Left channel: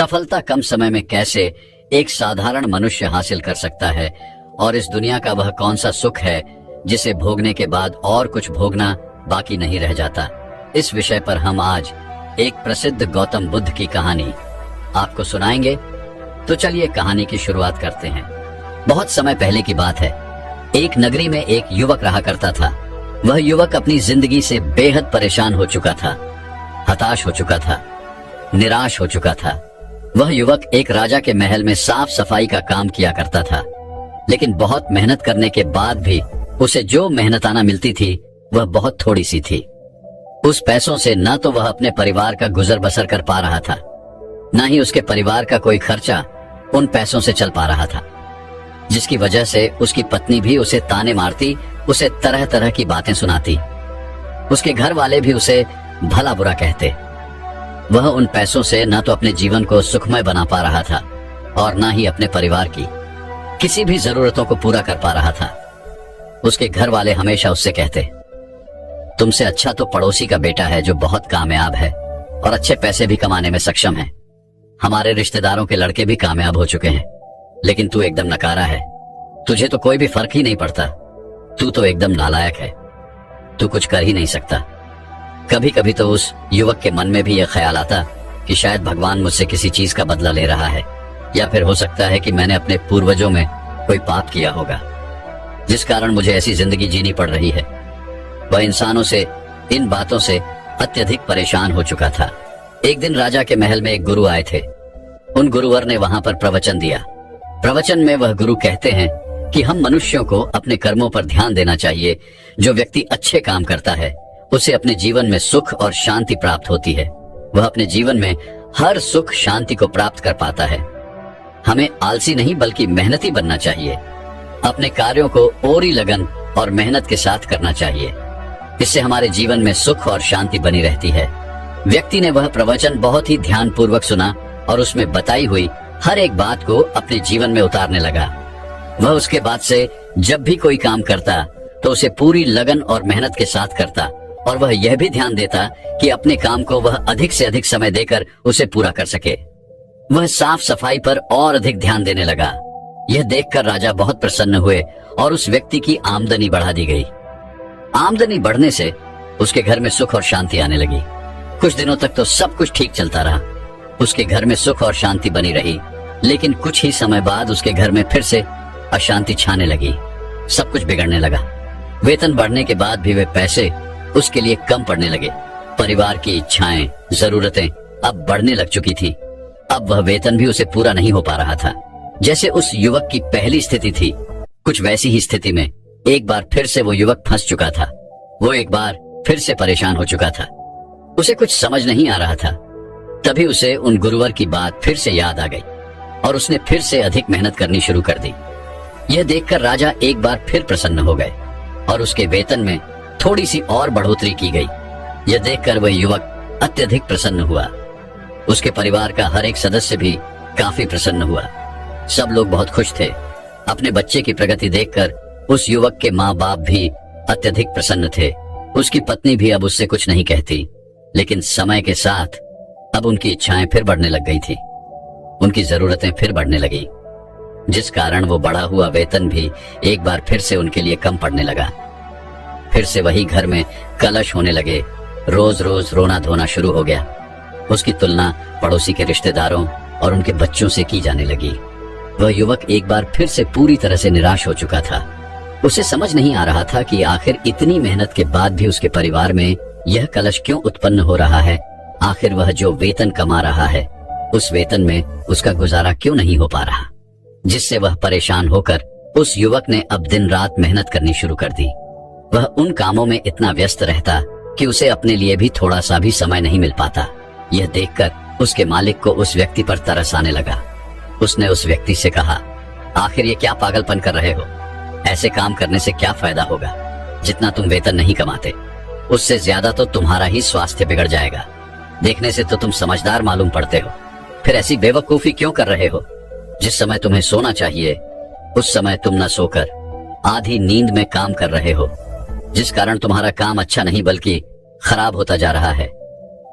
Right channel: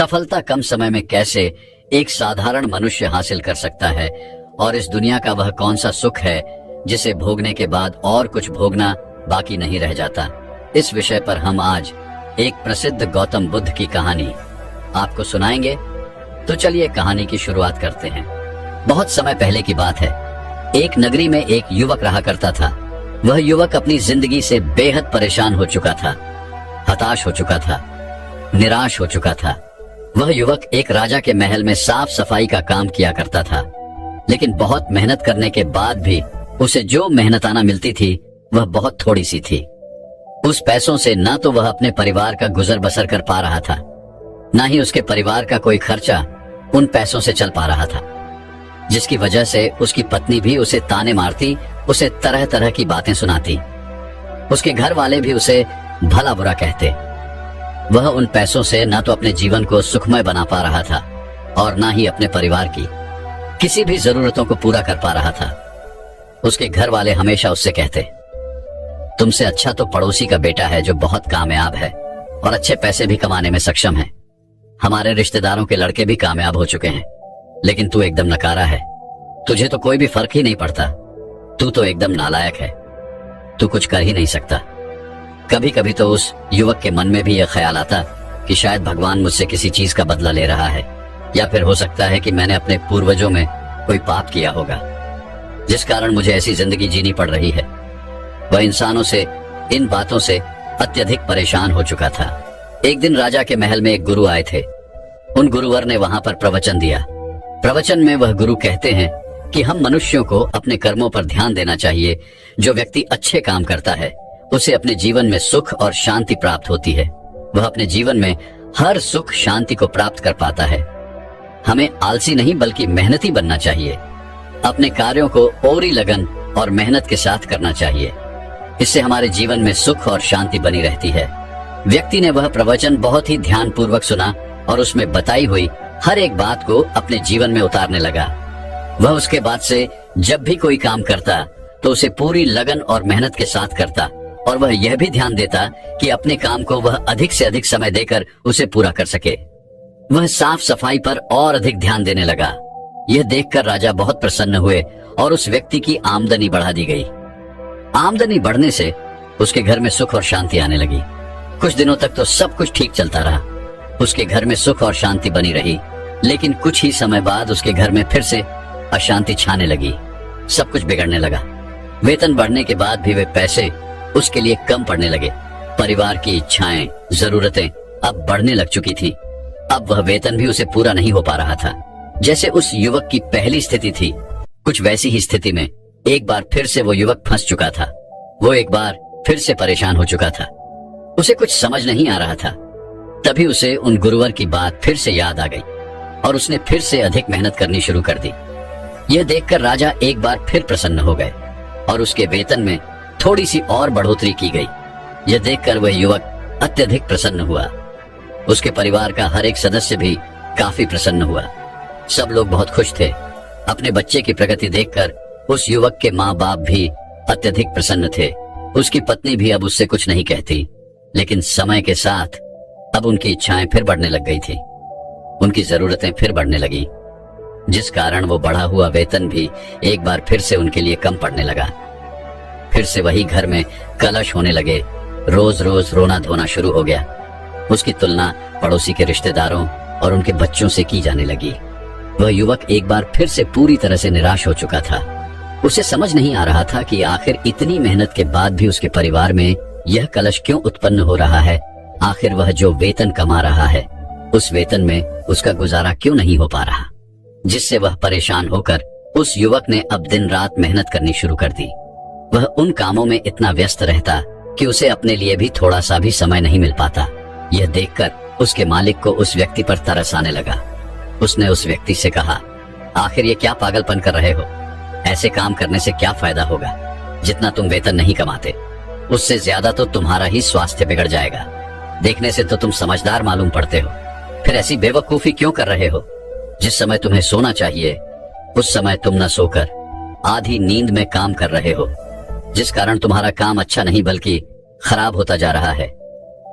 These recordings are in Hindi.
सफलता कम समय में कैसे एक साधारण मनुष्य हासिल कर सकता है और इस दुनिया का वह कौन सा सुख है जिसे भोगने के बाद और कुछ भोगना बाकी नहीं रह जाता। इस विषय पर हम आज एक प्रसिद्ध गौतम बुद्ध की कहानी आपको सुनाएंगे। तो चलिए कहानी की शुरुआत करते हैं। बहुत समय पहले की बात है। एक नगरी में एक युवक रहा करता था। वह युवक अपनी जिंदगी से बेहद परेशान हो चुका था, हताश हो चुका था, निराश हो चुका था। वह युवक एक राजा के महल में साफ सफाई का काम किया करता था, लेकिन बहुत मेहनत करने के बाद भी उसे जो मेहनताना मिलती थी वह बहुत थोड़ी सी थी। उस पैसों से न तो वह अपने परिवार का गुजर बसर कर पा रहा था, न ही उसके परिवार का कोई खर्चा उन पैसों से चल पा रहा था, जिसकी वजह से उसकी पत्नी भी उसे ताने मारती, उसे तरह तरह की बातें सुनाती। उसके घर वाले भी उसे भला बुरा कहते। वह उन पैसों से न तो अपने जीवन को सुखमय बना पा रहा था और न ही अपने परिवार की किसी भी जरूरतों को पूरा कर पा रहा था। उसके घर वाले हमेशा उससे कहते, तुमसे अच्छा तो पड़ोसी का बेटा है जो बहुत कामयाब है और अच्छे पैसे भी कमाने में सक्षम है। हमारे रिश्तेदारों के लड़के भी कामयाब हो चुके हैं, लेकिन तू एकदम नकारा है। तुझे तो कोई भी फर्क ही नहीं पड़ता। तू तो एकदम नालायक है। तू कुछ कर ही नहीं सकता। कभी कभी तो उस युवक के मन में भी यह ख्याल आता कि शायद भगवान मुझसे किसी चीज का बदला ले रहा है, या फिर हो सकता है कि मैंने अपने पूर्वजों में कोई पाप किया होगा जिस कारण मुझे ऐसी जिंदगी जीनी पड़ रही है। वह इंसानों से, इन बातों से अत्यधिक परेशान हो चुका था। एक दिन राजा के महल में एक गुरु आए थे। उन गुरुवर ने वहां पर प्रवचन दिया। प्रवचन में वह गुरु कहते हैं कि हम मनुष्यों को अपने कर्मों पर ध्यान देना चाहिए। जो व्यक्ति अच्छे काम करता है उसे अपने जीवन में सुख और शांति प्राप्त होती है। वह अपने जीवन में हर सुख शांति को प्राप्त कर पाता है। हमें आलसी नहीं बल्कि मेहनती बनना चाहिए। अपने कार्यों को पूरी लगन और मेहनत के साथ करना चाहिए। इससे हमारे जीवन में सुख और शांति बनी रहती है। व्यक्ति ने वह प्रवचन बहुत ही ध्यान पूर्वक सुना और उसमें बताई हुई हर एक बात को अपने जीवन में उतारने लगा। वह उसके बाद से जब भी कोई काम करता तो उसे पूरी लगन और मेहनत के साथ करता, और वह यह भी ध्यान देता कि अपने काम को वह अधिक से अधिक समय देकर उसे पूरा कर सके। वह साफ सफाई पर और अधिक ध्यान देने लगा। यह देखकर राजा बहुत प्रसन्न हुए और उस व्यक्ति की आमदनी बढ़ा दी गई। आमदनी बढ़ने से उसके घर में सुख और शांति आने लगी। कुछ दिनों तक तो सब कुछ ठीक चलता रहा। उसके घर में सुख और शांति बनी रही, लेकिन कुछ ही समय बाद उसके घर में फिर से अशांति छाने लगी। सब कुछ बिगड़ने लगा। वेतन बढ़ने के बाद भी वे पैसे उसके लिए कम पड़ने लगे। परिवार की इच्छाएं, जरूरतें अब बढ़ने लग चुकी थी। अब वह वेतन भी उसे पूरा नहीं हो पा रहा था। जैसे उस युवक की पहली स्थिति थी, कुछ वैसी ही स्थिति में एक बार फिर से वो युवक फंस चुका था। वो एक बार फिर से परेशान हो चुका था। उसे कुछ समझ नहीं आ रहा था। तभी उसे उन गुरुवर की बात फिर से याद आ गई और उसने फिर से अधिक मेहनत करनी शुरू कर दी। यह देखकर राजा एक बार फिर प्रसन्न हो गए और उसके वेतन में थोड़ी सी और बढ़ोतरी की गई। यह देखकर वह युवक अत्यधिक प्रसन्न हुआ। उसके परिवार का हर एक सदस्य भी काफी प्रसन्न हुआ। सब लोग बहुत खुश थे। अपने बच्चे की प्रगति देखकर उस युवक के माँ बाप भी अत्यधिक प्रसन्न थे। उसकी पत्नी भी अब उससे कुछ नहीं कहती, लेकिन समय के साथ अब उनकी इच्छाएं फिर बढ़ने लग गई थी। उनकी जरूरतें फिर बढ़ने लगी, जिस कारण वो बढ़ा हुआ वेतन भी एक बार फिर से उनके लिए कम पड़ने लगा। फिर से वही घर में कलश होने लगे। रोज रोज रोना धोना शुरू हो गया। उसकी तुलना पड़ोसी के रिश्तेदारों और उनके बच्चों से की जाने लगी। वह युवक एक बार फिर से पूरी तरह से निराश हो चुका था। उसे समझ नहीं आ रहा था कि आखिर इतनी मेहनत के बाद भी उसके परिवार में यह कलश क्यों उत्पन्न हो रहा है। आखिर वह जो वेतन कमा रहा है उस वेतन में उसका गुजारा क्यों नहीं हो पा रहा, जिससे वह परेशान होकर उस युवक ने अब दिन रात मेहनत करनी शुरू कर दी। वह उन कामों में इतना व्यस्त रहता कि उसे अपने लिए भी थोड़ा सा भी समय नहीं मिल पाता। यह देखकर उसके मालिक को उस व्यक्ति पर तरस आने लगा। उसने उस व्यक्ति से कहा, आखिर ये क्या पागलपन कर रहे हो? ऐसे काम करने से क्या फायदा होगा? जितना तुम वेतन नहीं कमाते उससे ज्यादा तो तुम्हारा ही स्वास्थ्य बिगड़ जाएगा। देखने से तो तुम समझदार मालूम पड़ते हो, फिर ऐसी बेवकूफी क्यों कर रहे हो? जिस समय तुम्हें सोना चाहिए उस समय तुम न सोकर आधी नींद में काम कर रहे हो, जिस कारण तुम्हारा काम अच्छा नहीं बल्कि खराब होता जा रहा है।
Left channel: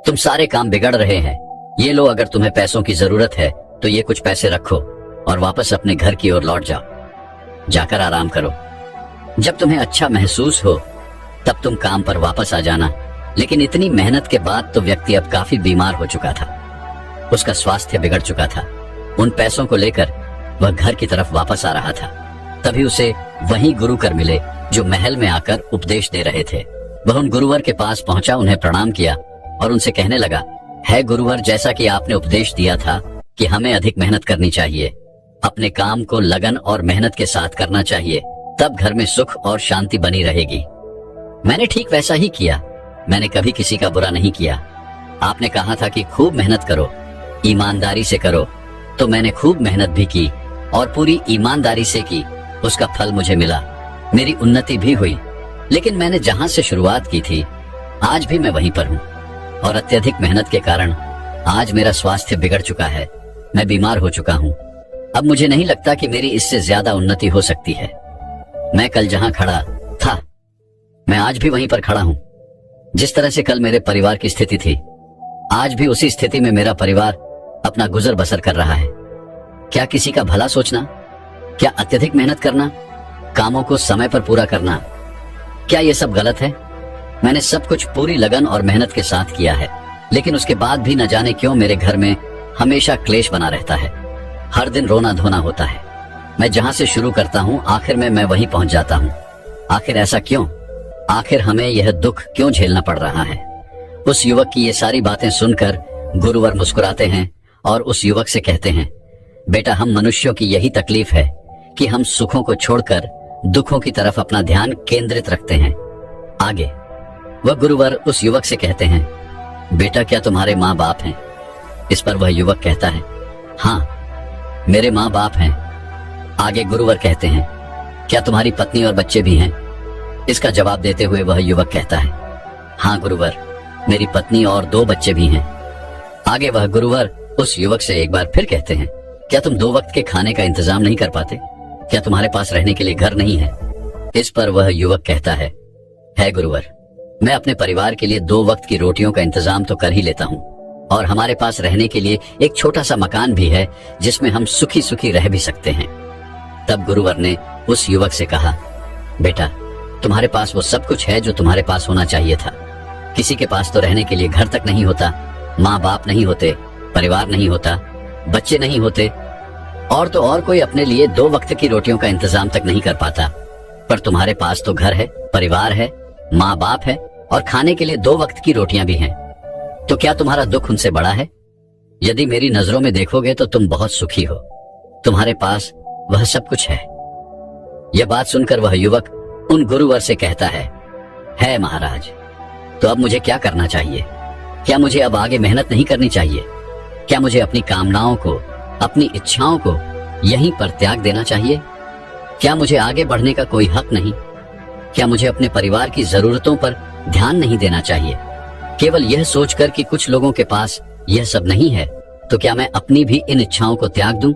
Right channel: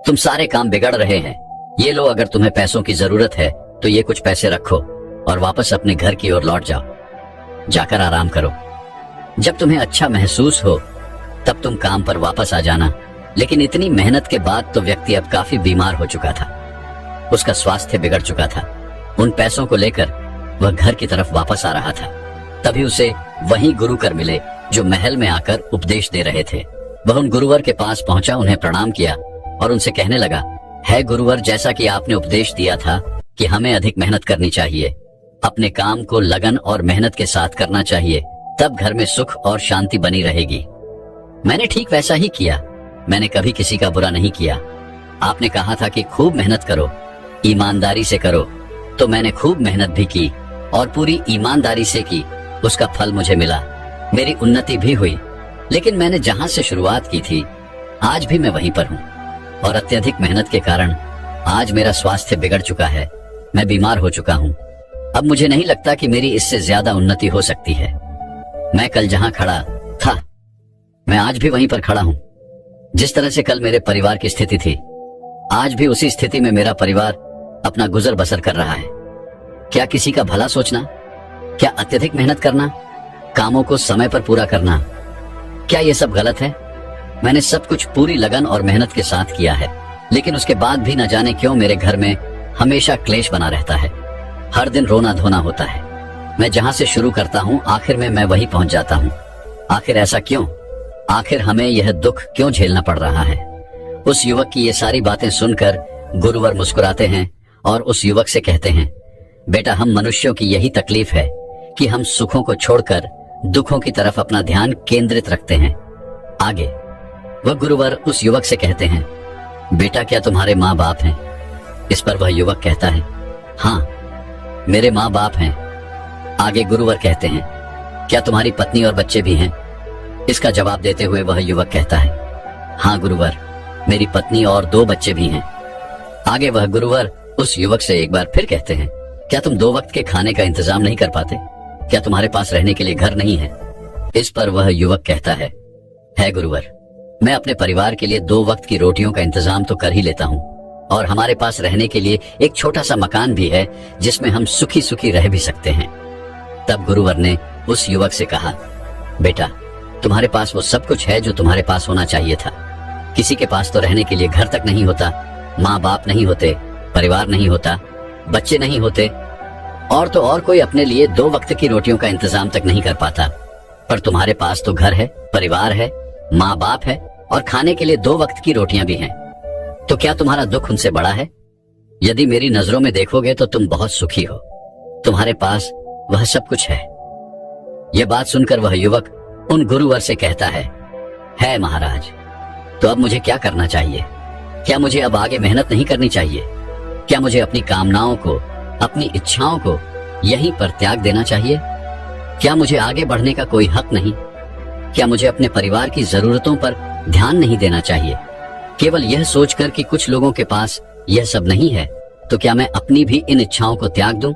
तुम सारे काम बिगड़ रहे हैं ये लो, अगर तुम्हें पैसों की जरूरत है तो ये कुछ पैसे रखो और वापस अपने घर की ओर लौट जाओ। जाकर आराम करो। जब तुम्हें अच्छा महसूस हो तब तुम काम पर वापस आ जाना। लेकिन इतनी मेहनत के बाद तो व्यक्ति अब काफी बीमार हो चुका था। उसका स्वास्थ्य बिगड़ चुका था। उन पैसों को लेकर वह घर की तरफ वापस आ रहा था। तभी उसे वही गुरुकर मिले जो महल में आकर उपदेश दे रहे थे। वह उन गुरुवर के पास पहुंचा, उन्हें प्रणाम किया और उनसे कहने लगा, है गुरुवर, जैसा कि आपने उपदेश दिया था कि हमें अधिक मेहनत करनी चाहिए, अपने काम को लगन और मेहनत के साथ करना चाहिए, तब घर में सुख और शांति बनी रहेगी। मैंने ठीक वैसा ही किया। मैंने कभी किसी का बुरा नहीं किया। आपने कहा था कि खूब मेहनत करो, ईमानदारी से करो, तो मैंने खूब मेहनत भी की और पूरी ईमानदारी से की। उसका फल मुझे मिला, मेरी उन्नति भी हुई। लेकिन मैंने जहां से शुरुआत की थी आज भी मैं वहीं पर हूँ और अत्यधिक मेहनत के कारण आज मेरा स्वास्थ्य बिगड़ चुका है। मैं बीमार हो चुका हूँ। अब मुझे नहीं लगता कि मेरी इससे ज्यादा उन्नति हो सकती है। मैं कल जहां खड़ा था मैं आज भी वहीं पर खड़ा हूँ। जिस तरह से कल मेरे परिवार की स्थिति थी, आज भी उसी स्थिति में मेरा परिवार अपना गुजर बसर कर रहा है। क्या किसी का भला सोचना, क्या अत्यधिक मेहनत करना, कामों को समय पर पूरा करना, क्या ये सब गलत है? मैंने सब कुछ पूरी लगन और मेहनत के साथ किया है, लेकिन उसके बाद भी न जाने क्यों मेरे घर में हमेशा क्लेश बना रहता है। हर दिन रोना धोना होता है। मैं जहां से शुरू करता हूँ आखिर में मैं वहीं पहुंच जाता हूँ। आखिर ऐसा क्यों? आखिर हमें यह दुख क्यों झेलना पड़ रहा है? उस युवक की ये सारी बातें सुनकर गुरुवर मुस्कुराते हैं और उस युवक से कहते हैं, बेटा, हम मनुष्यों की यही तकलीफ है कि हम सुखों को छोड़कर दुखों की तरफ अपना ध्यान केंद्रित रखते हैं। आगे वह गुरुवर उस युवक से कहते हैं, बेटा, क्या तुम्हारे माँ बाप हैं? इस पर वह युवक कहता है, हाँ, मेरे माँ बाप हैं। आगे गुरुवर कहते हैं, क्या तुम्हारी पत्नी और बच्चे भी हैं? इसका जवाब देते हुए वह युवक कहता है, हाँ गुरुवर, मेरी पत्नी और 2 बच्चे भी हैं। आगे वह गुरुवर उस युवक से एक बार फिर कहते हैं, क्या तुम 2 वक्त के खाने का इंतजाम नहीं कर पाते? क्या तुम्हारे पास रहने के लिए घर नहीं है? इस पर वह युवक कहता है गुरुवर, मैं अपने परिवार के लिए 2 वक्त की रोटियों का इंतजाम तो कर ही लेता हूँ और हमारे पास रहने के लिए एक छोटा सा मकान भी है जिसमें हम सुखी सुखी रह भी सकते हैं। तब गुरुवर ने उस युवक से कहा, बेटा, तुम्हारे पास वो सब कुछ है जो तुम्हारे पास होना चाहिए था। किसी के पास तो रहने के लिए घर तक नहीं होता, माँ बाप नहीं होते, परिवार नहीं होता, बच्चे नहीं होते और तो और कोई अपने लिए 2 वक्त की रोटियों का इंतजाम तक नहीं कर पाता। पर तुम्हारे पास तो घर है, परिवार है, माँ बाप है और खाने के लिए 2 वक्त की रोटियां भी हैं। तो क्या तुम्हारा दुख उनसे बड़ा है? यदि मेरी नजरों में देखोगे तो तुम बहुत सुखी हो। तुम्हारे पास वह सब कुछ है। यह बात सुनकर वह युवक उन गुरुवर से कहता है महाराज, तो अब मुझे क्या करना चाहिए? क्या मुझे अब आगे मेहनत नहीं करनी चाहिए? क्या मुझे अपनी कामनाओं को, अपनी इच्छाओं को यहीं पर त्याग देना चाहिए? क्या मुझे आगे बढ़ने का कोई हक नहीं? क्या मुझे अपने परिवार की जरूरतों पर ध्यान नहीं देना चाहिए? केवल यह सोचकर कि कुछ लोगों के पास यह सब नहीं है, तो क्या मैं अपनी भी इन इच्छाओं को त्याग दूं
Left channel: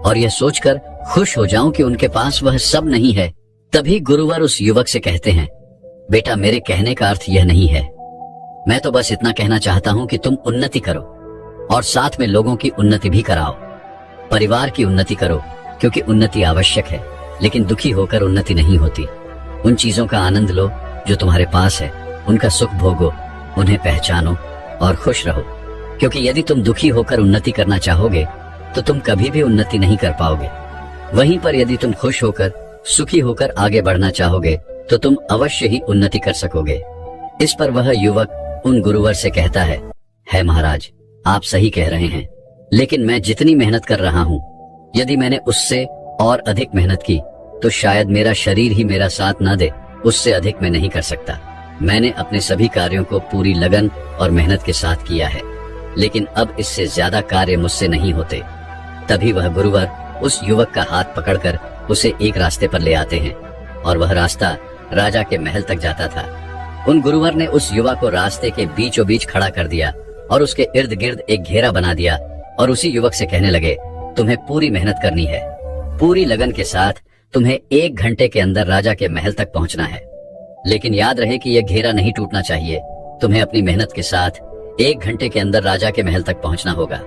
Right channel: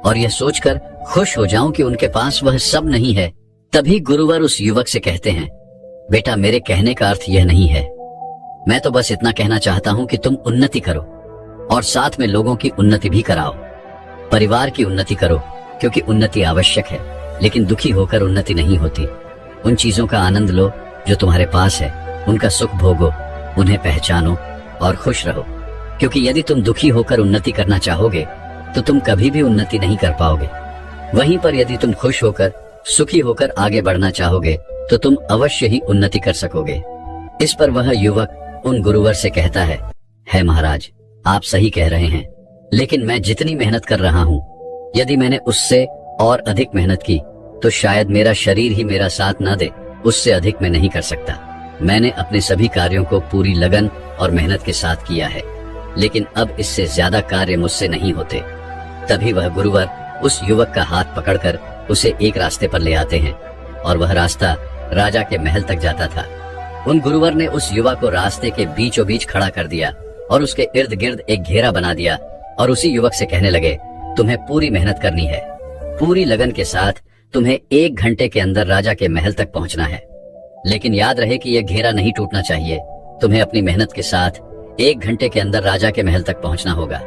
और यह सोचकर खुश हो जाऊं कि उनके पास वह सब नहीं है? तभी गुरुवर उस युवक से कहते हैं, बेटा, मेरे कहने का अर्थ यह नहीं है। मैं तो बस इतना कहना चाहता हूं कि तुम उन्नति करो और साथ में लोगों की उन्नति भी कराओ। परिवार की उन्नति करो क्योंकि उन्नति आवश्यक है, लेकिन दुखी होकर उन्नति नहीं होती। उन चीजों का आनंद लो जो तुम्हारे पास है, उनका सुख भोगो, उन्हें पहचानो और खुश रहो। क्योंकि यदि तुम दुखी होकर उन्नति करना चाहोगे तो तुम कभी भी उन्नति नहीं कर पाओगे। वहीं पर यदि तुम खुश होकर, सुखी होकर आगे बढ़ना चाहोगे तो तुम अवश्य ही उन्नति कर सकोगे। इस पर वह युवक उन गुरुवर से कहता है महाराज, आप सही कह रहे हैं, लेकिन मैं जितनी मेहनत कर रहा हूँ, यदि मैंने उससे और अधिक मेहनत की तो शायद मेरा शरीर ही मेरा साथ न दे। उससे अधिक मैं नहीं कर सकता। मैंने अपने सभी कार्यों को पूरी लगन और मेहनत के साथ किया है, लेकिन अब इससे ज्यादा कार्य मुझसे नहीं होते। तभी वह गुरुवर उस युवक का हाथ पकड़कर उसे एक रास्ते पर ले आते हैं और वह रास्ता राजा के महल तक जाता था। उन गुरुवर ने उस युवक को रास्ते के बीचों बीच खड़ा कर दिया और उसके इर्द गिर्द एक घेरा बना दिया और उसी युवक से कहने लगे, तुम्हें पूरी मेहनत करनी है, पूरी लगन के साथ तुम्हें 1 घंटे के अंदर राजा के महल तक पहुंचना है। लेकिन याद रहे कि यह घेरा नहीं टूटना चाहिए। तुम्हें अपनी मेहनत के साथ 1 घंटे के अंदर राजा के महल तक पहुंचना होगा।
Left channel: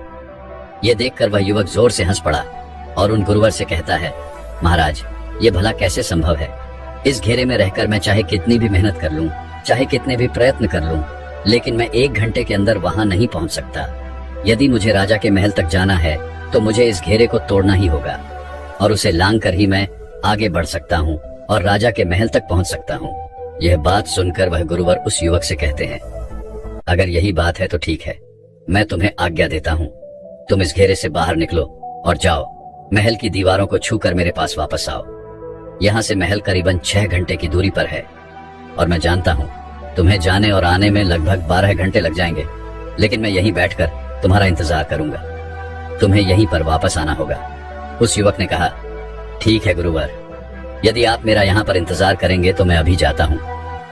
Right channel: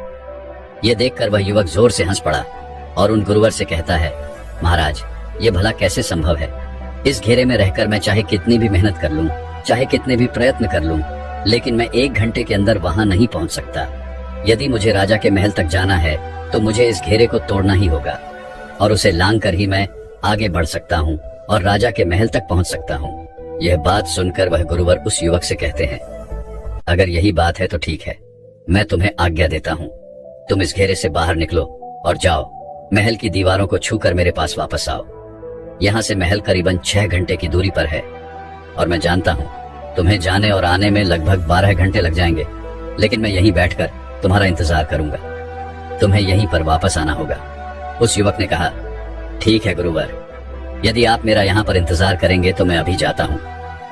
यह देखकर वह युवक जोर से हंस पड़ा और उन गुरुवर से कहता है, महाराज, ये भला कैसे संभव है? इस घेरे में रहकर मैं चाहे कितनी भी मेहनत कर लूं, चाहे कितने भी प्रयत्न कर लूं, लेकिन मैं 1 घंटे के अंदर वहां नहीं पहुंच सकता। यदि मुझे राजा के महल तक जाना है तो मुझे इस घेरे को तोड़ना ही होगा और उसे लांग कर ही मैं आगे बढ़ सकता हूँ और राजा के महल तक पहुंच सकता हूँ। यह बात सुनकर वह गुरुवर उस युवक से कहते हैं, अगर यही बात है तो ठीक है, मैं तुम्हें आज्ञा देता हूँ। तुम इस घेरे से बाहर निकलो और जाओ, महल की दीवारों को छूकर मेरे पास वापस आओ। यहाँ से महल करीबन 6 घंटे की दूरी पर है और मैं जानता हूँ तुम्हें जाने और आने में लगभग 12 घंटे लग जाएंगे, लेकिन मैं यहीं बैठकर तुम्हारा इंतजार करूंगा। तुम्हें यहीं पर वापस आना होगा। उस युवक ने कहा, ठीक है गुरुवर, यदि आप मेरा यहाँ पर इंतजार करेंगे तो मैं अभी जाता हूँ।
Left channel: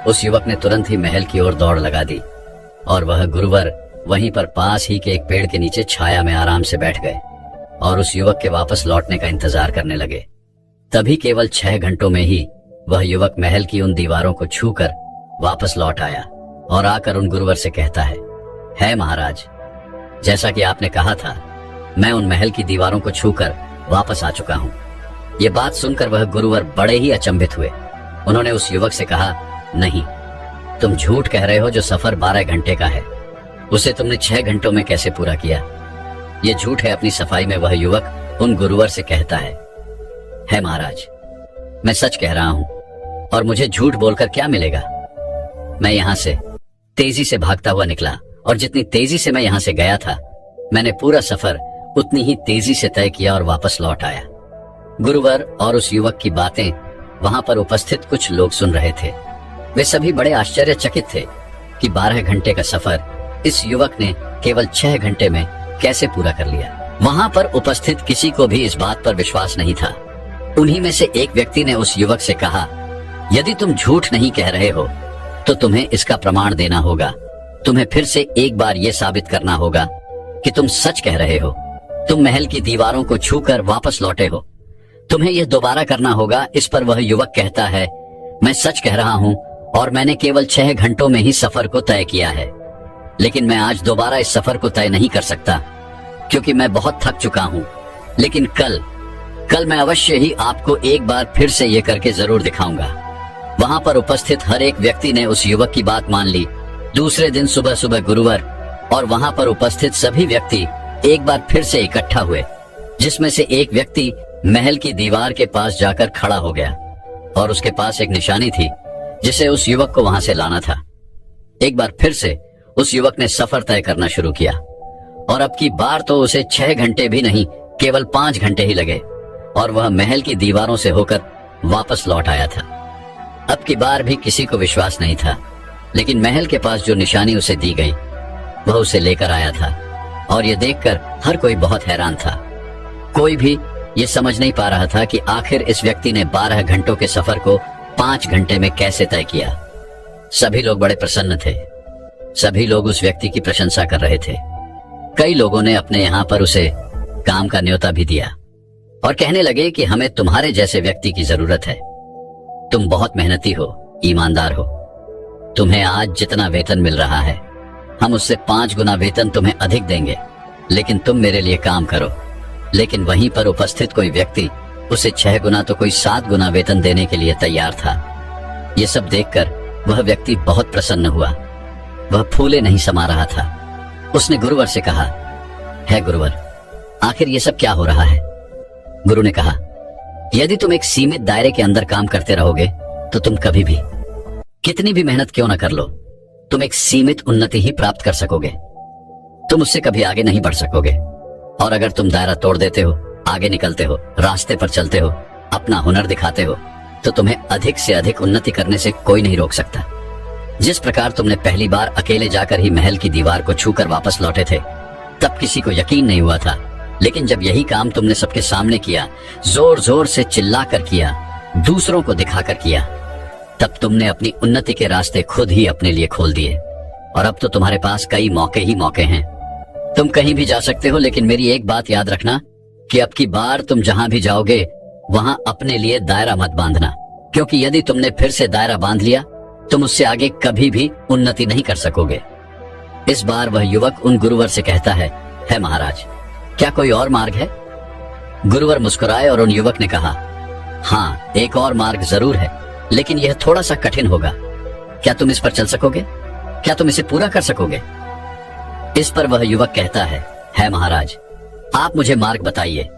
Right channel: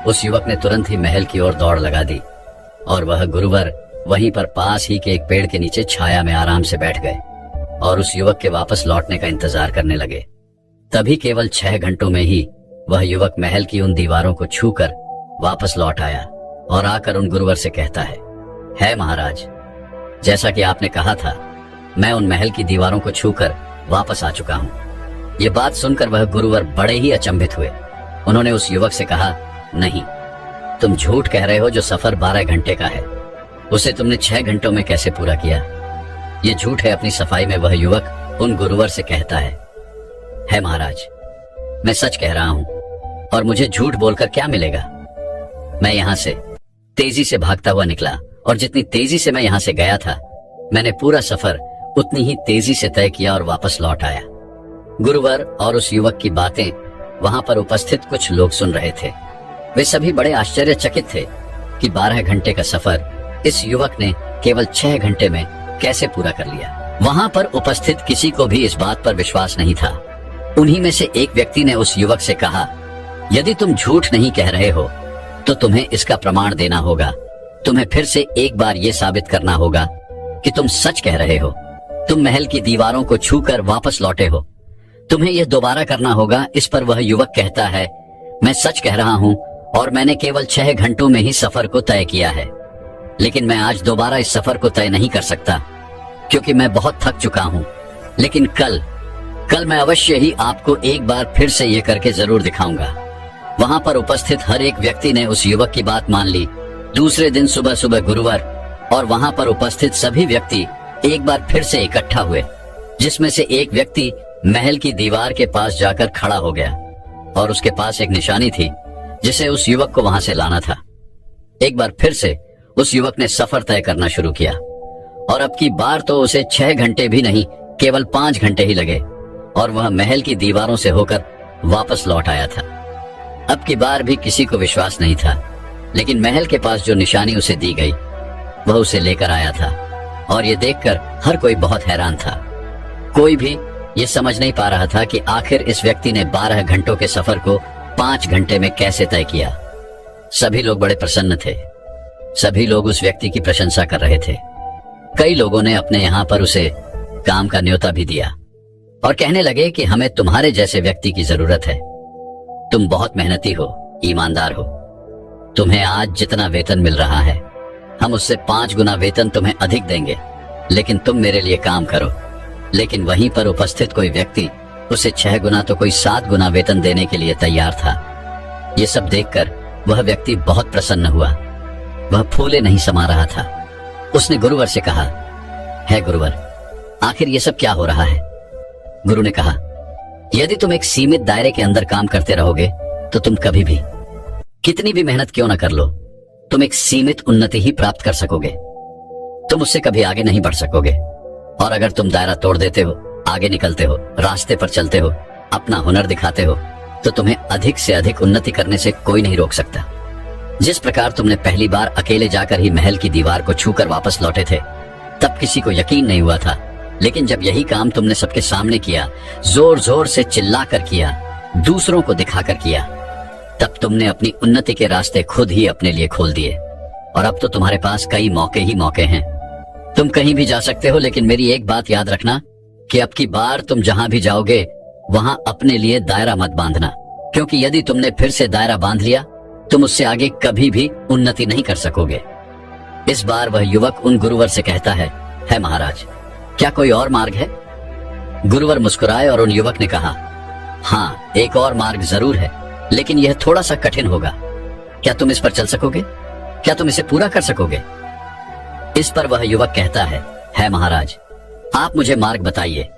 उस युवक ने तुरंत ही महल की ओर दौड़ लगा दी और वह गुरुवर वहीं पर पास ही के एक पेड़ के नीचे छाया में आराम से बैठ गए और उस युवक के वापस लौटने का इंतजार करने लगे। तभी केवल 6 घंटों में ही वह युवक महल की उन दीवारों को छूकर वापस लौट आया और आकर उन गुरुवर से कहता है महाराज, जैसा कि आपने कहा था, मैं उन महल की दीवारों को छूकर वापस आ चुका हूँ। ये बात सुनकर वह गुरुवर बड़े ही अचंभित हुए। उन्होंने उस युवक से कहा, नहीं, तुम झूठ कह रहे हो। जो सफर 12 घंटे का है उसे तुमने 6 घंटों में कैसे पूरा किया? ये झूठ है। अपनी सफाई में वह युवक उन गुरुवर से कहता है महाराज, मैं सच कह रहा हूँ और मुझे झूठ बोलकर क्या मिलेगा? मैं यहाँ से तेजी से भागता हुआ निकला और जितनी तेजी से मैं यहाँ से गया था, मैंने पूरा सफर उतनी ही तेजी से तय किया और वापस लौट आया। गुरुवर और उस युवक की बातें वहां पर उपस्थित कुछ लोग सुन रहे थे। वे सभी बड़े आश्चर्यचकित थे कि 12 घंटे का सफर इस युवक ने केवल 6 घंटे में कैसे पूरा कर लिया। वहां पर उपस्थित किसी को भी इस बात पर विश्वास नहीं था। उन्हीं में से एक व्यक्ति ने उस युवक से कहा, यदि तुम झूठ नहीं कह रहे हो तो तुम्हें इसका प्रमाण देना होगा। तुम्हें फिर से एक बार ये साबित करना होगा कि तुम सच कह रहे हो। तुम महल की दीवारों को छूकर वापस लौटे हो। तुम्हें यह दोबारा करना होगा। इस पर वह युवक कहता है, मैं सच कह रहा हूँ और मैंने केवल 6 घंटों में ही सफर को तय किया है, लेकिन मैं आज दोबारा इस सफर को तय नहीं कर सकता क्योंकि मैं बहुत थक चुका हूँ। लेकिन कल मैं अवश्य ही आपको एक बार फिर से ये करके जरूर दिखाऊंगा। वहां पर उपस्थित हर एक व्यक्ति ने उस युवक की बात मान ली। दूसरे दिन सुबह सुबह गुरुवर और वहां पर उपस्थित सभी व्यक्ति एक बार फिर से इकट्ठा हुए, जिसमें से एक व्यक्ति महल की दीवार के पास जाकर खड़ा हो गया और उसके पास एक निशानी थी जिसे उस युवक को वहां से लाना था। एक बार फिर से उस युवक ने सफर तय करना शुरू किया और अब की बार तो उसे 6 घंटे भी नहीं, केवल 5 घंटे ही लगे और वह महल की दीवारों से होकर वापस लौट आया था। अब की बार भी किसी को विश्वास नहीं था, लेकिन महल के पास जो निशानी उसे दी गई वह उसे लेकर आया था और ये देखकर हर कोई बहुत हैरान था। कोई भी ये समझ नहीं पा रहा था कि आखिर इस व्यक्ति ने 12 घंटों के सफर को 5 घंटे में कैसे तय किया। सभी लोग बड़े प्रसन्न थे। सभी लोग उस व्यक्ति की प्रशंसा कर रहे थे। कई लोगों ने अपने यहाँ पर उसे काम का न्योता भी दिया और कहने लगे कि हमें तुम्हारे जैसे व्यक्ति की जरूरत है। तुम बहुत मेहनती हो, ईमानदार हो। तुम्हें आज जितना वेतन मिल रहा है हम उससे 5 गुना वेतन तुम्हें अधिक देंगे, लेकिन तुम मेरे लिए काम करो। लेकिन वहीं पर उपस्थित कोई व्यक्ति उसे 6 गुना तो कोई 7 गुना वेतन देने के लिए तैयार था। ये सब देखकर वह व्यक्ति बहुत प्रसन्न हुआ। वह फूले नहीं समा रहा था। उसने गुरुवर से कहा, है गुरुवर, आखिर ये सब क्या हो रहा है? गुरु ने कहा, यदि तुम एक सीमित दायरे के अंदर काम करते रहोगे तो तुम कभी भी, कितनी भी मेहनत क्यों न कर लो, तुम एक सीमित उन्नति ही प्राप्त कर सकोगे। तुम उससे कभी आगे नहीं बढ़ सकोगे। और अगर तुम दायरा तोड़ देते हो, आगे निकलते हो, रास्ते पर चलते हो, अपना हुनर दिखाते हो, तो तुम्हें अधिक से अधिक उन्नति करने से कोई नहीं रोक सकता। जिस प्रकार तुमने पहली बार अकेले जाकर ही महल की दीवार को छूकर वापस लौटे थे, तब किसी को यकीन नहीं हुआ था। लेकिन जब यही काम तुमने सबके सामने किया, जोर जोर से चिल्लाकर किया, दूसरों को दिखाकर किया, तब तुमने अपनी उन्नति के रास्ते खुद ही अपने लिए खोल दिए। और अब तो तुम्हारे पास कई मौके ही मौके हैं। तुम कहीं भी जा सकते हो, लेकिन मेरी एक बात याद रखना कि अब की बार तुम जहां भी जाओगे वहां अपने लिए दायरा मत बांधना, क्योंकि यदि तुमने फिर से दायरा बांध लिया तुम उससे आगे कभी भी उन्नति नहीं कर सकोगे। इस बार वह युवक उन गुरुवर से कहता है महाराज, क्या कोई और मार्ग है? गुरुवर मुस्कुराए और उन युवक ने कहा, हाँ, एक और मार्ग जरूर है, लेकिन यह थोड़ा सा कठिन होगा। क्या तुम इस पर चल सकोगे? क्या तुम इसे पूरा कर सकोगे? इस पर वह युवक कहता है महाराज, आप मुझे मार्ग बताइए,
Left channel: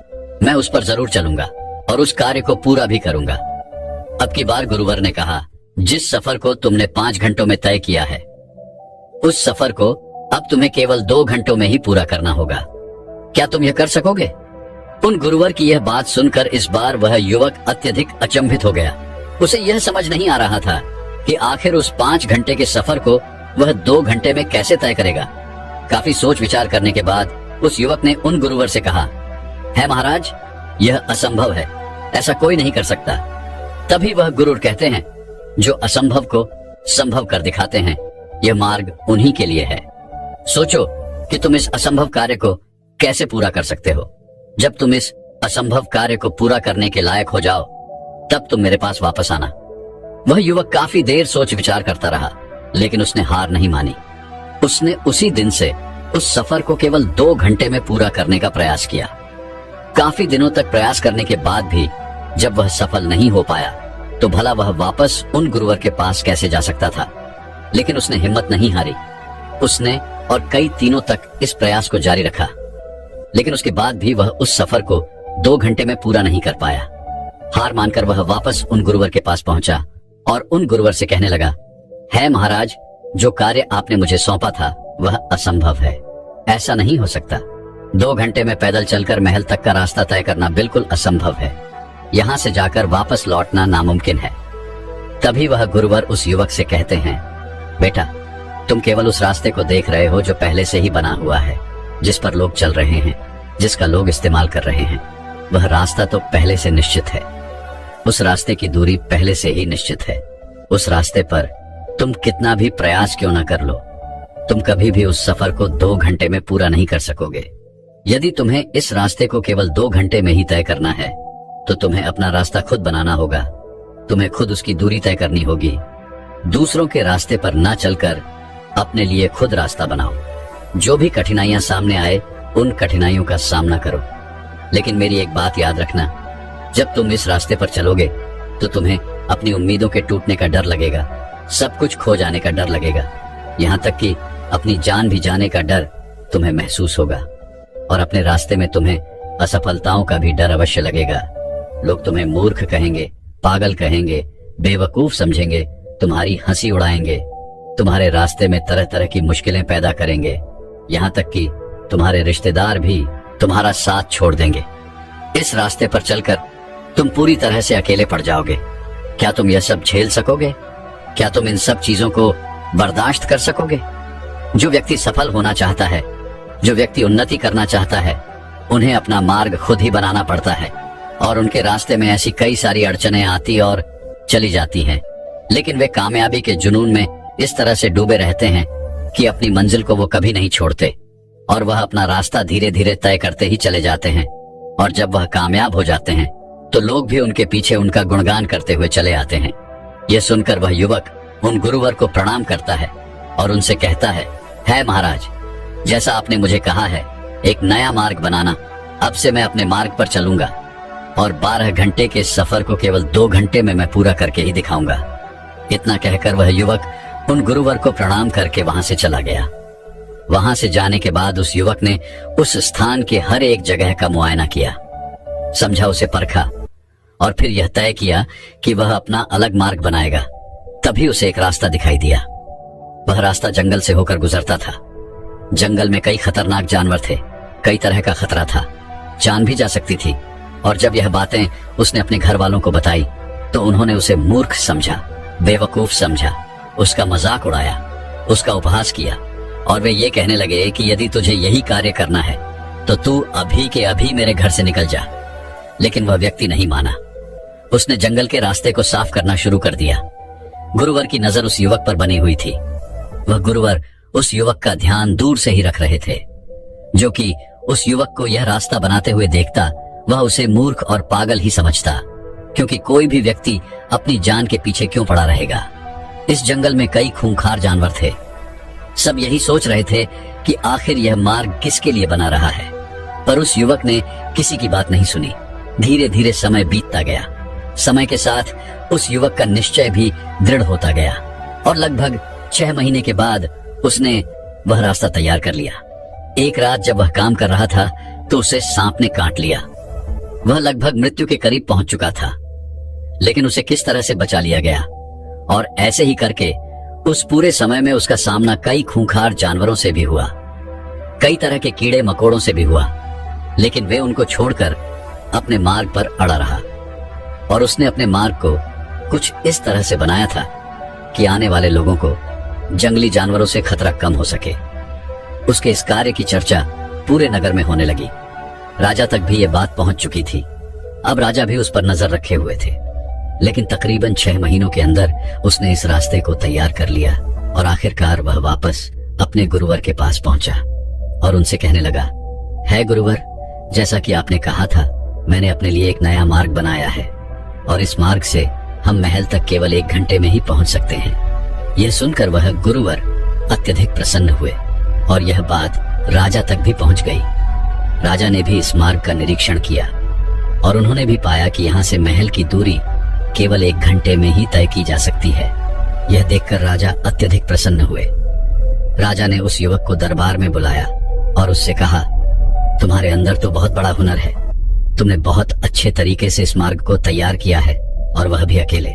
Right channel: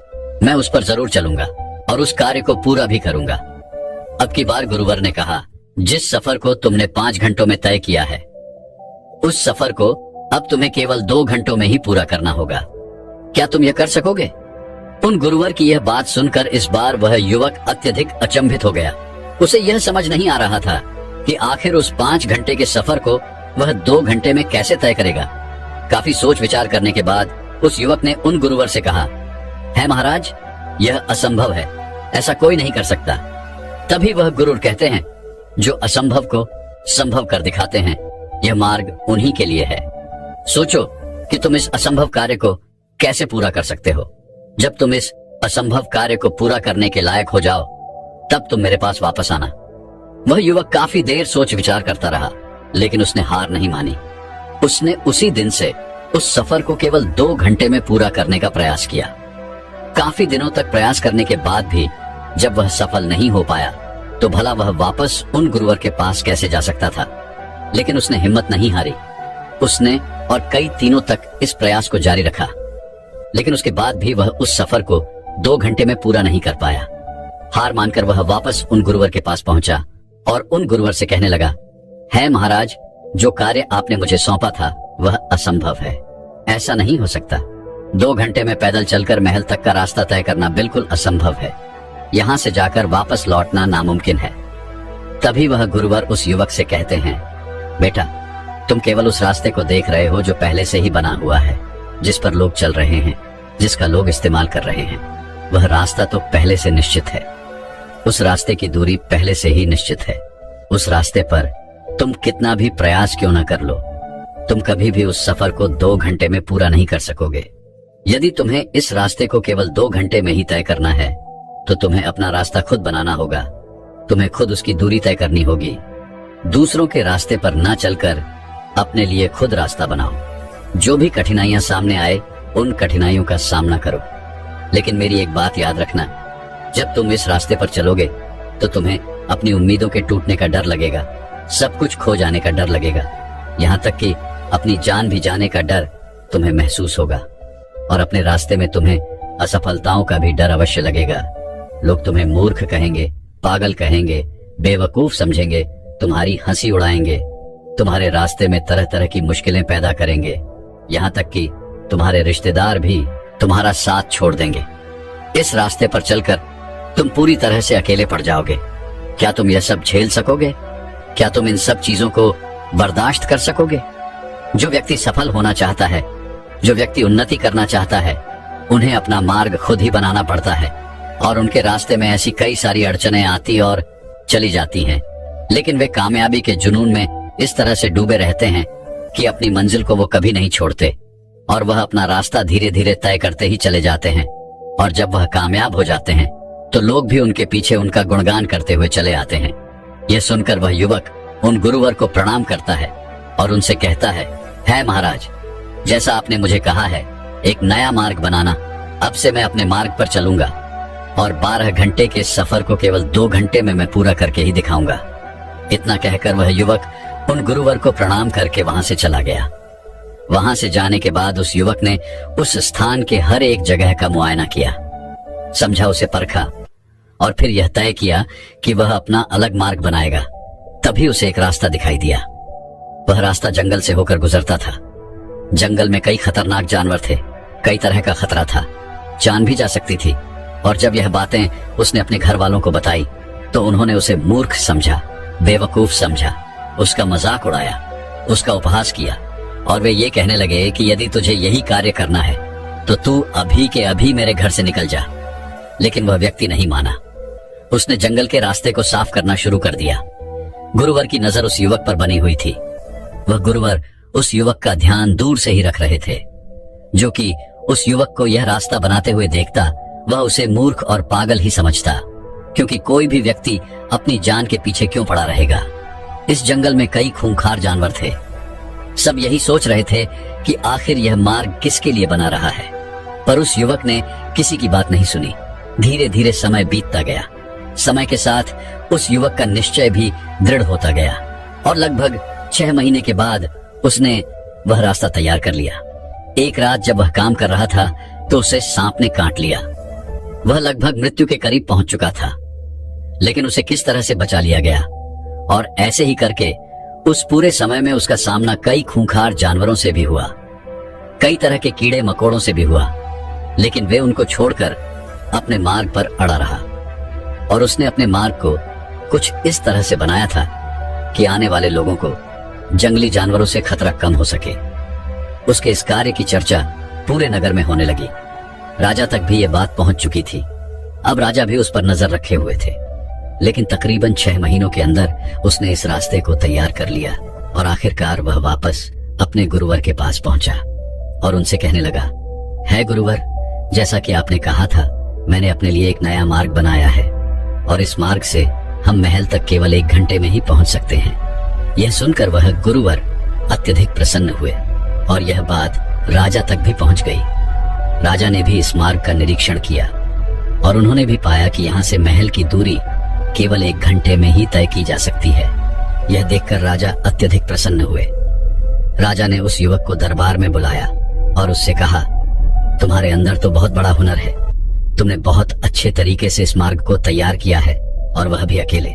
मैं उस पर जरूर चलूंगा और उस कार्य को पूरा भी करूंगा। अब की बार गुरुवर ने कहा, जिस सफर को तुमने 5 घंटों में तय किया है, उस सफर को अब तुम्हें केवल 2 घंटों में ही पूरा करना होगा। क्या तुम यह कर सकोगे? उन गुरुवर की यह बात सुनकर इस बार वह युवक अत्यधिक अचंभित हो गया। उसे यह समझ नहीं आ रहा था कि आखिर उस 5 घंटे के सफर को वह 2 घंटे में कैसे तय करेगा। काफी सोच विचार करने के बाद उस युवक ने उन गुरुवर से कहा, है महाराज, यह असंभव है, ऐसा कोई नहीं कर सकता। तभी वह गुरुवर कहते हैं, जो असंभव को संभव कर दिखाते हैं, यह मार्ग उन्हीं के लिए है। सोचो कि तुम इस असंभव कार्य को कैसे पूरा कर सकते हो। जब तुम इस असंभव कार्य को पूरा करने के लायक हो जाओ, तब तुम मेरे पास वापस आना। वह युवक काफी देर सोच विचार करता रहा, लेकिन उसने हार नहीं मानी। उसने उसी दिन से उस सफर को केवल 2 घंटे में पूरा करने का प्रयास किया। काफी दिनों तक प्रयास करने के बाद भी जब वह सफल नहीं हो पाया, तो भला वह वापस उन गुरुवर के पास कैसे जा सकता था। लेकिन उसने हिम्मत नहीं हारी। उसने और कई दिनों तक इस प्रयास को जारी रखा, लेकिन उसके बाद भी वह उस सफर को 2 घंटे में पूरा नहीं कर पाया। हार मानकर वह वापस उन गुरुवर के पास पहुंचा और उन गुरुवर से कहने लगा, है महाराज, जो कार्य आपने मुझे सौंपा था वह असंभव है, ऐसा नहीं हो सकता। 2 घंटे में पैदल चलकर महल तक का रास्ता तय करना बिल्कुल असंभव है। यहाँ से जाकर वापस लौटना नामुमकिन है। तभी वह गुरुवर उस युवक से कहते हैं, बेटा, तुम केवल उस रास्ते को देख रहे हो जो पहले से ही बना हुआ है, जिस पर लोग चल रहे हैं, जिसका लोग इस्तेमाल कर रहे हैं। वह रास्ता तो पहले से निश्चित है। उस रास्ते की दूरी पहले से ही निश्चित है। उस रास्ते पर तुम कितना भी प्रयास क्यों न कर लो, तुम कभी भी उस सफर को 2 घंटे में पूरा नहीं कर सकोगे। यदि तुम्हें इस रास्ते को केवल 2 घंटे में ही तय करना है, तो तुम्हें अपना रास्ता खुद बनाना होगा। तुम्हें खुद उसकी दूरी तय करनी होगी। दूसरों के रास्ते पर न चलकर अपने लिए खुद रास्ता बनाओ। जो भी कठिनाइयां सामने आए, उन कठिनाइयों का सामना करो। लेकिन मेरी एक बात याद रखना, जब तुम इस रास्ते पर चलोगे तो तुम्हें अपनी उम्मीदों के टूटने का डर लगेगा, सब कुछ खो जाने का डर लगेगा, यहाँ तक कि अपनी जान भी जाने का डर तुम्हें महसूस होगा। और अपने रास्ते में तुम्हें असफलताओं का भी डर अवश्य लगेगा। लोग तुम्हें मूर्ख कहेंगे, पागल कहेंगे, बेवकूफ समझेंगे, तुम्हारी हंसी उड़ाएंगे, तुम्हारे रास्ते में तरह तरह की मुश्किलें पैदा करेंगे, यहाँ तक कि तुम्हारे रिश्तेदार भी तुम्हारा साथ छोड़ देंगे। इस रास्ते पर चलकर तुम पूरी तरह से अकेले पड़ जाओगे। क्या तुम यह सब झेल सकोगे? क्या तुम इन सब चीजों को बर्दाश्त कर सकोगे? जो व्यक्ति सफल होना चाहता है, जो व्यक्ति उन्नति करना चाहता है, उन्हें अपना मार्ग खुद ही बनाना पड़ता है। और उनके रास्ते में ऐसी कई सारी अड़चनें आती और चली जाती हैं, लेकिन वे कामयाबी के जुनून में इस तरह से डूबे रहते हैं कि अपनी मंजिल को वो कभी नहीं छोड़ते और वह अपना रास्ता धीरे धीरे तय करते ही चले जाते हैं। और जब वह कामयाब हो जाते हैं तो लोग भी उनके पीछे उनका गुणगान करते हुए चले आते हैं। यह सुनकर वह युवक उन गुरुवर को प्रणाम करता है और उनसे कहता है महाराज, जैसा आपने मुझे कहा है एक नया मार्ग बनाना, अब से मैं अपने मार्ग पर चलूंगा और 12 घंटे के सफर को केवल 2 घंटे में मैं पूरा करके ही दिखाऊंगा। इतना कहकर वह युवक उन गुरुवर को प्रणाम करके वहां से चला गया। वहां से जाने के बाद उस युवक ने उस स्थान के हर एक जगह का मुआयना किया, समझा, उसे परखा और फिर यह तय किया कि वह अपना अलग मार्ग बनाएगा। तभी उसे एक रास्ता दिखाई दिया। वह रास्ता जंगल से होकर गुजरता था। जंगल में कई खतरनाक जानवर थे, कई तरह का खतरा था, जान भी जा सकती थी। और जब यह बातें उसने अपने घर वालों को बताई तो उन्होंने उसे मूर्ख समझा, बेवकूफ समझा, उसका मजाक उड़ाया, उसका उपहास किया और वे ये कहने लगे कि यदि तुझे यही कार्य करना है तो तू अभी के अभी मेरे घर से निकल जा। लेकिन वह व्यक्ति नहीं माना। उसने जंगल के रास्ते को साफ करना शुरू कर दिया। गुरुवर की नजर उस युवक पर बनी हुई थी। वह गुरुवर उस युवक का ध्यान दूर से ही रख रहे थे। जो कि उस युवक को यह रास्ता बनाते हुए देखता, वह उसे मूर्ख और पागल ही समझता, क्योंकि कोई भी व्यक्ति अपनी जान के पीछे क्यों पड़ा रहेगा। इस जंगल में कई खूंखार जानवर थे। सब यही सोच रहे थे कि आखिर यह मार्ग किसके लिए बना रहा है, पर उस युवक ने किसी की बात नहीं सुनी। धीरे धीरे समय बीतता गया। समय के साथ उस युवक का निश्चय भी दृढ़ होता गया और लगभग 6 महीने के बाद उसने वह रास्ता तैयार कर लिया। एक रात जब वह काम कर रहा था तो उसे सांप ने काट लिया। वह लगभग मृत्यु के करीब पहुंच चुका था, लेकिन उसे किस तरह से बचा लिया गया। और ऐसे ही करके उस पूरे समय में उसका सामना कई खूंखार जानवरों से भी हुआ, कई तरह के कीड़े मकोड़ों से भी हुआ, लेकिन वे उनको छोड़कर अपने मार्ग पर अड़ा रहा। और उसने अपने मार्ग को कुछ इस तरह से बनाया था कि आने वाले लोगों को जंगली जानवरों से खतरा कम हो सके। उसके इस कार्य की चर्चा पूरे नगर में होने लगी। राजा तक भी यह बात पहुंच चुकी थी। अब राजा भी उस पर नजर रखे हुए थे, लेकिन तकरीबन 6 महीनों के अंदर उसने इस रास्ते को तैयार कर लिया और आखिरकार वह वापस अपने गुरुवर के पास पहुंचा और उनसे कहने लगा, है गुरुवर, जैसा कि आपने कहा था, मैंने अपने लिए एक नया मार्ग बनाया है और इस मार्ग से हम महल तक केवल 1 घंटे में ही पहुंच सकते हैं। यह सुनकर वह गुरुवर अत्यधिक प्रसन्न हुए और यह बात राजा तक भी पहुंच गई। राजा ने भी इस मार्ग का निरीक्षण किया और उन्होंने भी पाया कि यहाँ से महल की दूरी केवल 1 घंटे में ही तय की जा सकती है। यह देखकर राजा अत्यधिक प्रसन्न हुए। राजा ने उस युवक को दरबार में बुलाया और उससे कहा, तुम्हारे अंदर तो बहुत बड़ा हुनर है, तुमने बहुत अच्छे तरीके से इस मार्ग को तैयार किया है और वह भी अकेले।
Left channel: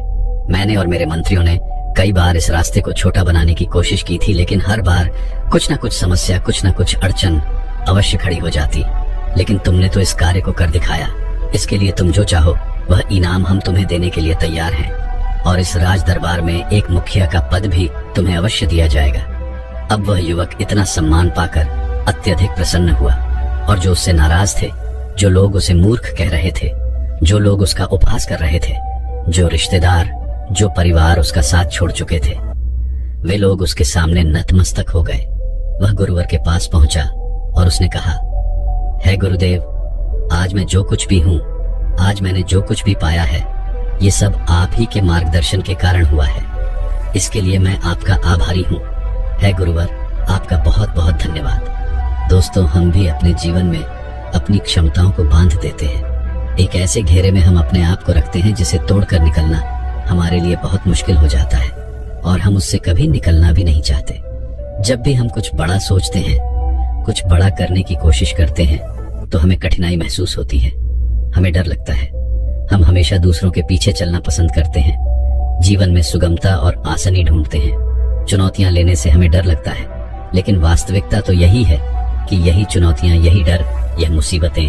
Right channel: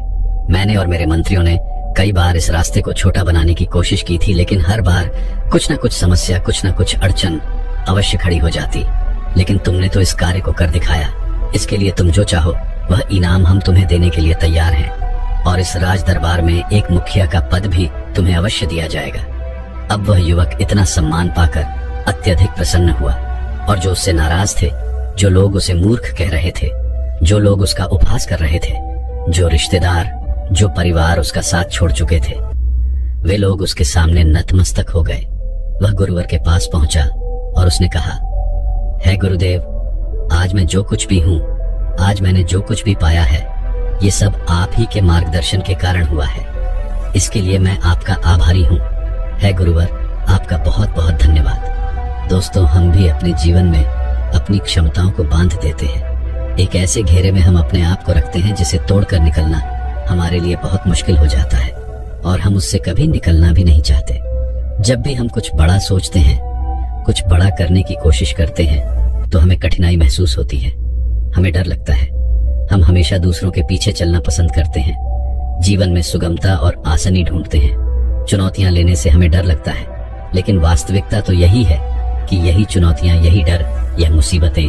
मैंने और मेरे मंत्रियों ने कई बार इस रास्ते को छोटा बनाने की कोशिश की थी, लेकिन हर बार कुछ न कुछ समस्या, कुछ न कुछ अड़चन अवश्य खड़ी हो जाती। लेकिन तुमने तो इस कार्य को कर दिखाया। इसके लिए तुम जो चाहो वह इनाम हम तुम्हें देने के लिए तैयार हैं और इस राज दरबार में एक मुखिया का पद भी तुम्हें अवश्य दिया जाएगा। अब वह युवक इतना सम्मान पाकर अत्यधिक प्रसन्न हुआ और जो उससे नाराज थे, जो लोग उसे मूर्ख कह रहे थे, जो लोग उसका उपहास कर रहे थे, जो रिश्तेदार, जो परिवार उसका साथ छोड़ चुके थे, वे लोग उसके सामने नतमस्तक हो गए। वह गुरुवर के पास पहुंचा और उसने कहा, है गुरुदेव, आज मैं जो कुछ भी हूँ, आज मैंने जो कुछ भी पाया है, ये सब आप ही के मार्गदर्शन के कारण हुआ है। इसके लिए मैं आपका आभारी हूँ। है गुरुवर, आपका बहुत बहुत धन्यवाद। दोस्तों, हम भी अपने जीवन में अपनी क्षमताओं को बांध देते हैं। एक ऐसे घेरे में हम अपने आप को रखते हैं जिसे तोड़कर निकलना हमारे लिए बहुत मुश्किल हो जाता है और हम उससे कभी निकलना भी नहीं चाहते। जब भी हम कुछ बड़ा सोचते हैं, कुछ बड़ा करने की कोशिश करते हैं, तो हमें कठिनाई महसूस होती है, हमें डर लगता है। हम हमेशा दूसरों के पीछे चलना पसंद करते हैं, जीवन में सुगमता और आसानी ढूंढते हैं। चुनौतियां लेने से हमें डर लगता है, लेकिन वास्तविकता तो यही है कि यही चुनौतियां, यही डर, यह मुसीबतें,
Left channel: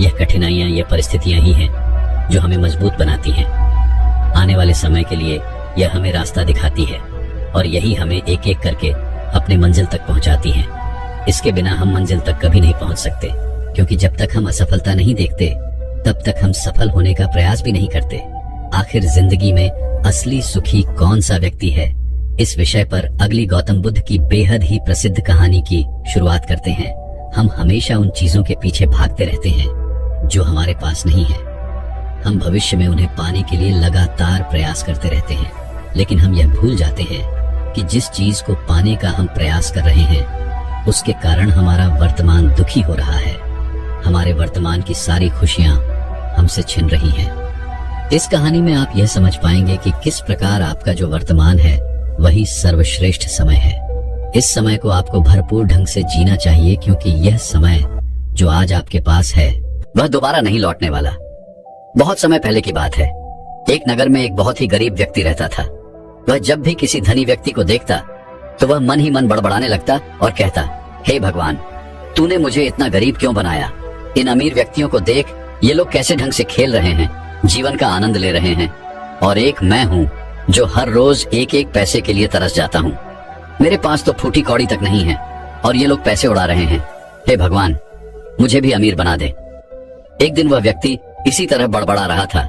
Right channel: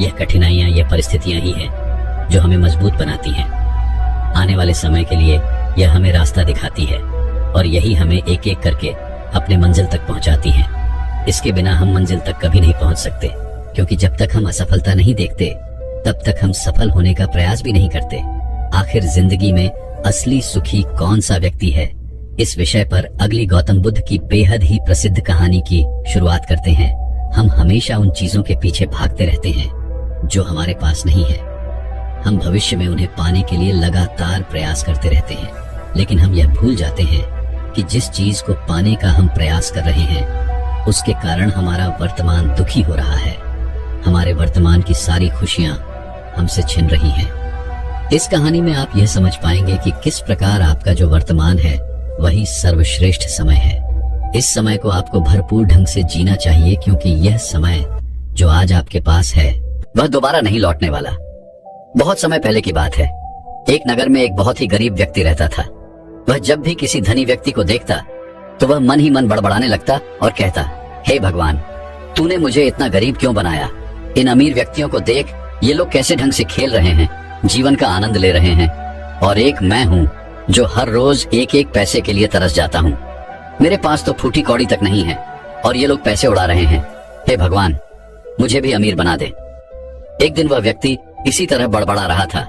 यह कठिनाइयां, यह परिस्थितियां ही हैं जो हमें मजबूत बनाती हैं। आने वाले समय के लिए यह हमें रास्ता दिखाती है और यही हमें एक एक करके अपने मंजिल तक पहुंचाती है। इसके बिना हम मंजिल तक कभी नहीं पहुंच सकते, क्योंकि जब तक हम असफलता नहीं देखते तब तक हम सफल होने का प्रयास भी नहीं करते। आखिर जिंदगी में असली सुखी कौन सा व्यक्ति है, इस विषय पर अगली गौतम बुद्ध की बेहद ही प्रसिद्ध कहानी की शुरुआत करते हैं। हम हमेशा उन चीजों के पीछे भागते रहते हैं जो हमारे पास नहीं है। हम भविष्य में उन्हें पाने के लिए लगातार प्रयास करते रहते हैं, लेकिन हम यह भूल जाते हैं कि जिस चीज को पाने का हम प्रयास कर रहे हैं, उसके कारण हमारा वर्तमान दुखी हो रहा है। हमारे वर्तमान की सारी खुशियां हमसे छिन रही हैं। इस कहानी में आप यह समझ पाएंगे कि किस प्रकार आपका जो वर्तमान है वही सर्वश्रेष्ठ समय है। इस समय को आपको भरपूर ढंग से जीना चाहिए, क्योंकि यह समय जो आज आपके पास है वह दोबारा नहीं लौटने वाला। बहुत समय पहले की बात है। एक नगर में एक बहुत ही गरीब व्यक्ति रहता था। वह जब भी किसी धनी व्यक्ति को देखता तो वह मन ही मन बड़बड़ाने लगता और कहता, हे भगवान, तूने मुझे इतना गरीब क्यों बनाया? इन अमीर व्यक्तियों को देख, ये लोग कैसे ढंग से खेल रहे हैं, जीवन का आनंद ले रहे हैं, और एक मैं हूँ जो हर रोज एक एक पैसे के लिए तरस जाता हूँ। मेरे पास तो फूटी कौड़ी तक नहीं है और ये लोग पैसे उड़ा रहे हैं। हे भगवान, मुझे भी अमीर बना दे। एक दिन वह व्यक्ति इसी तरह बड़बड़ा रहा था।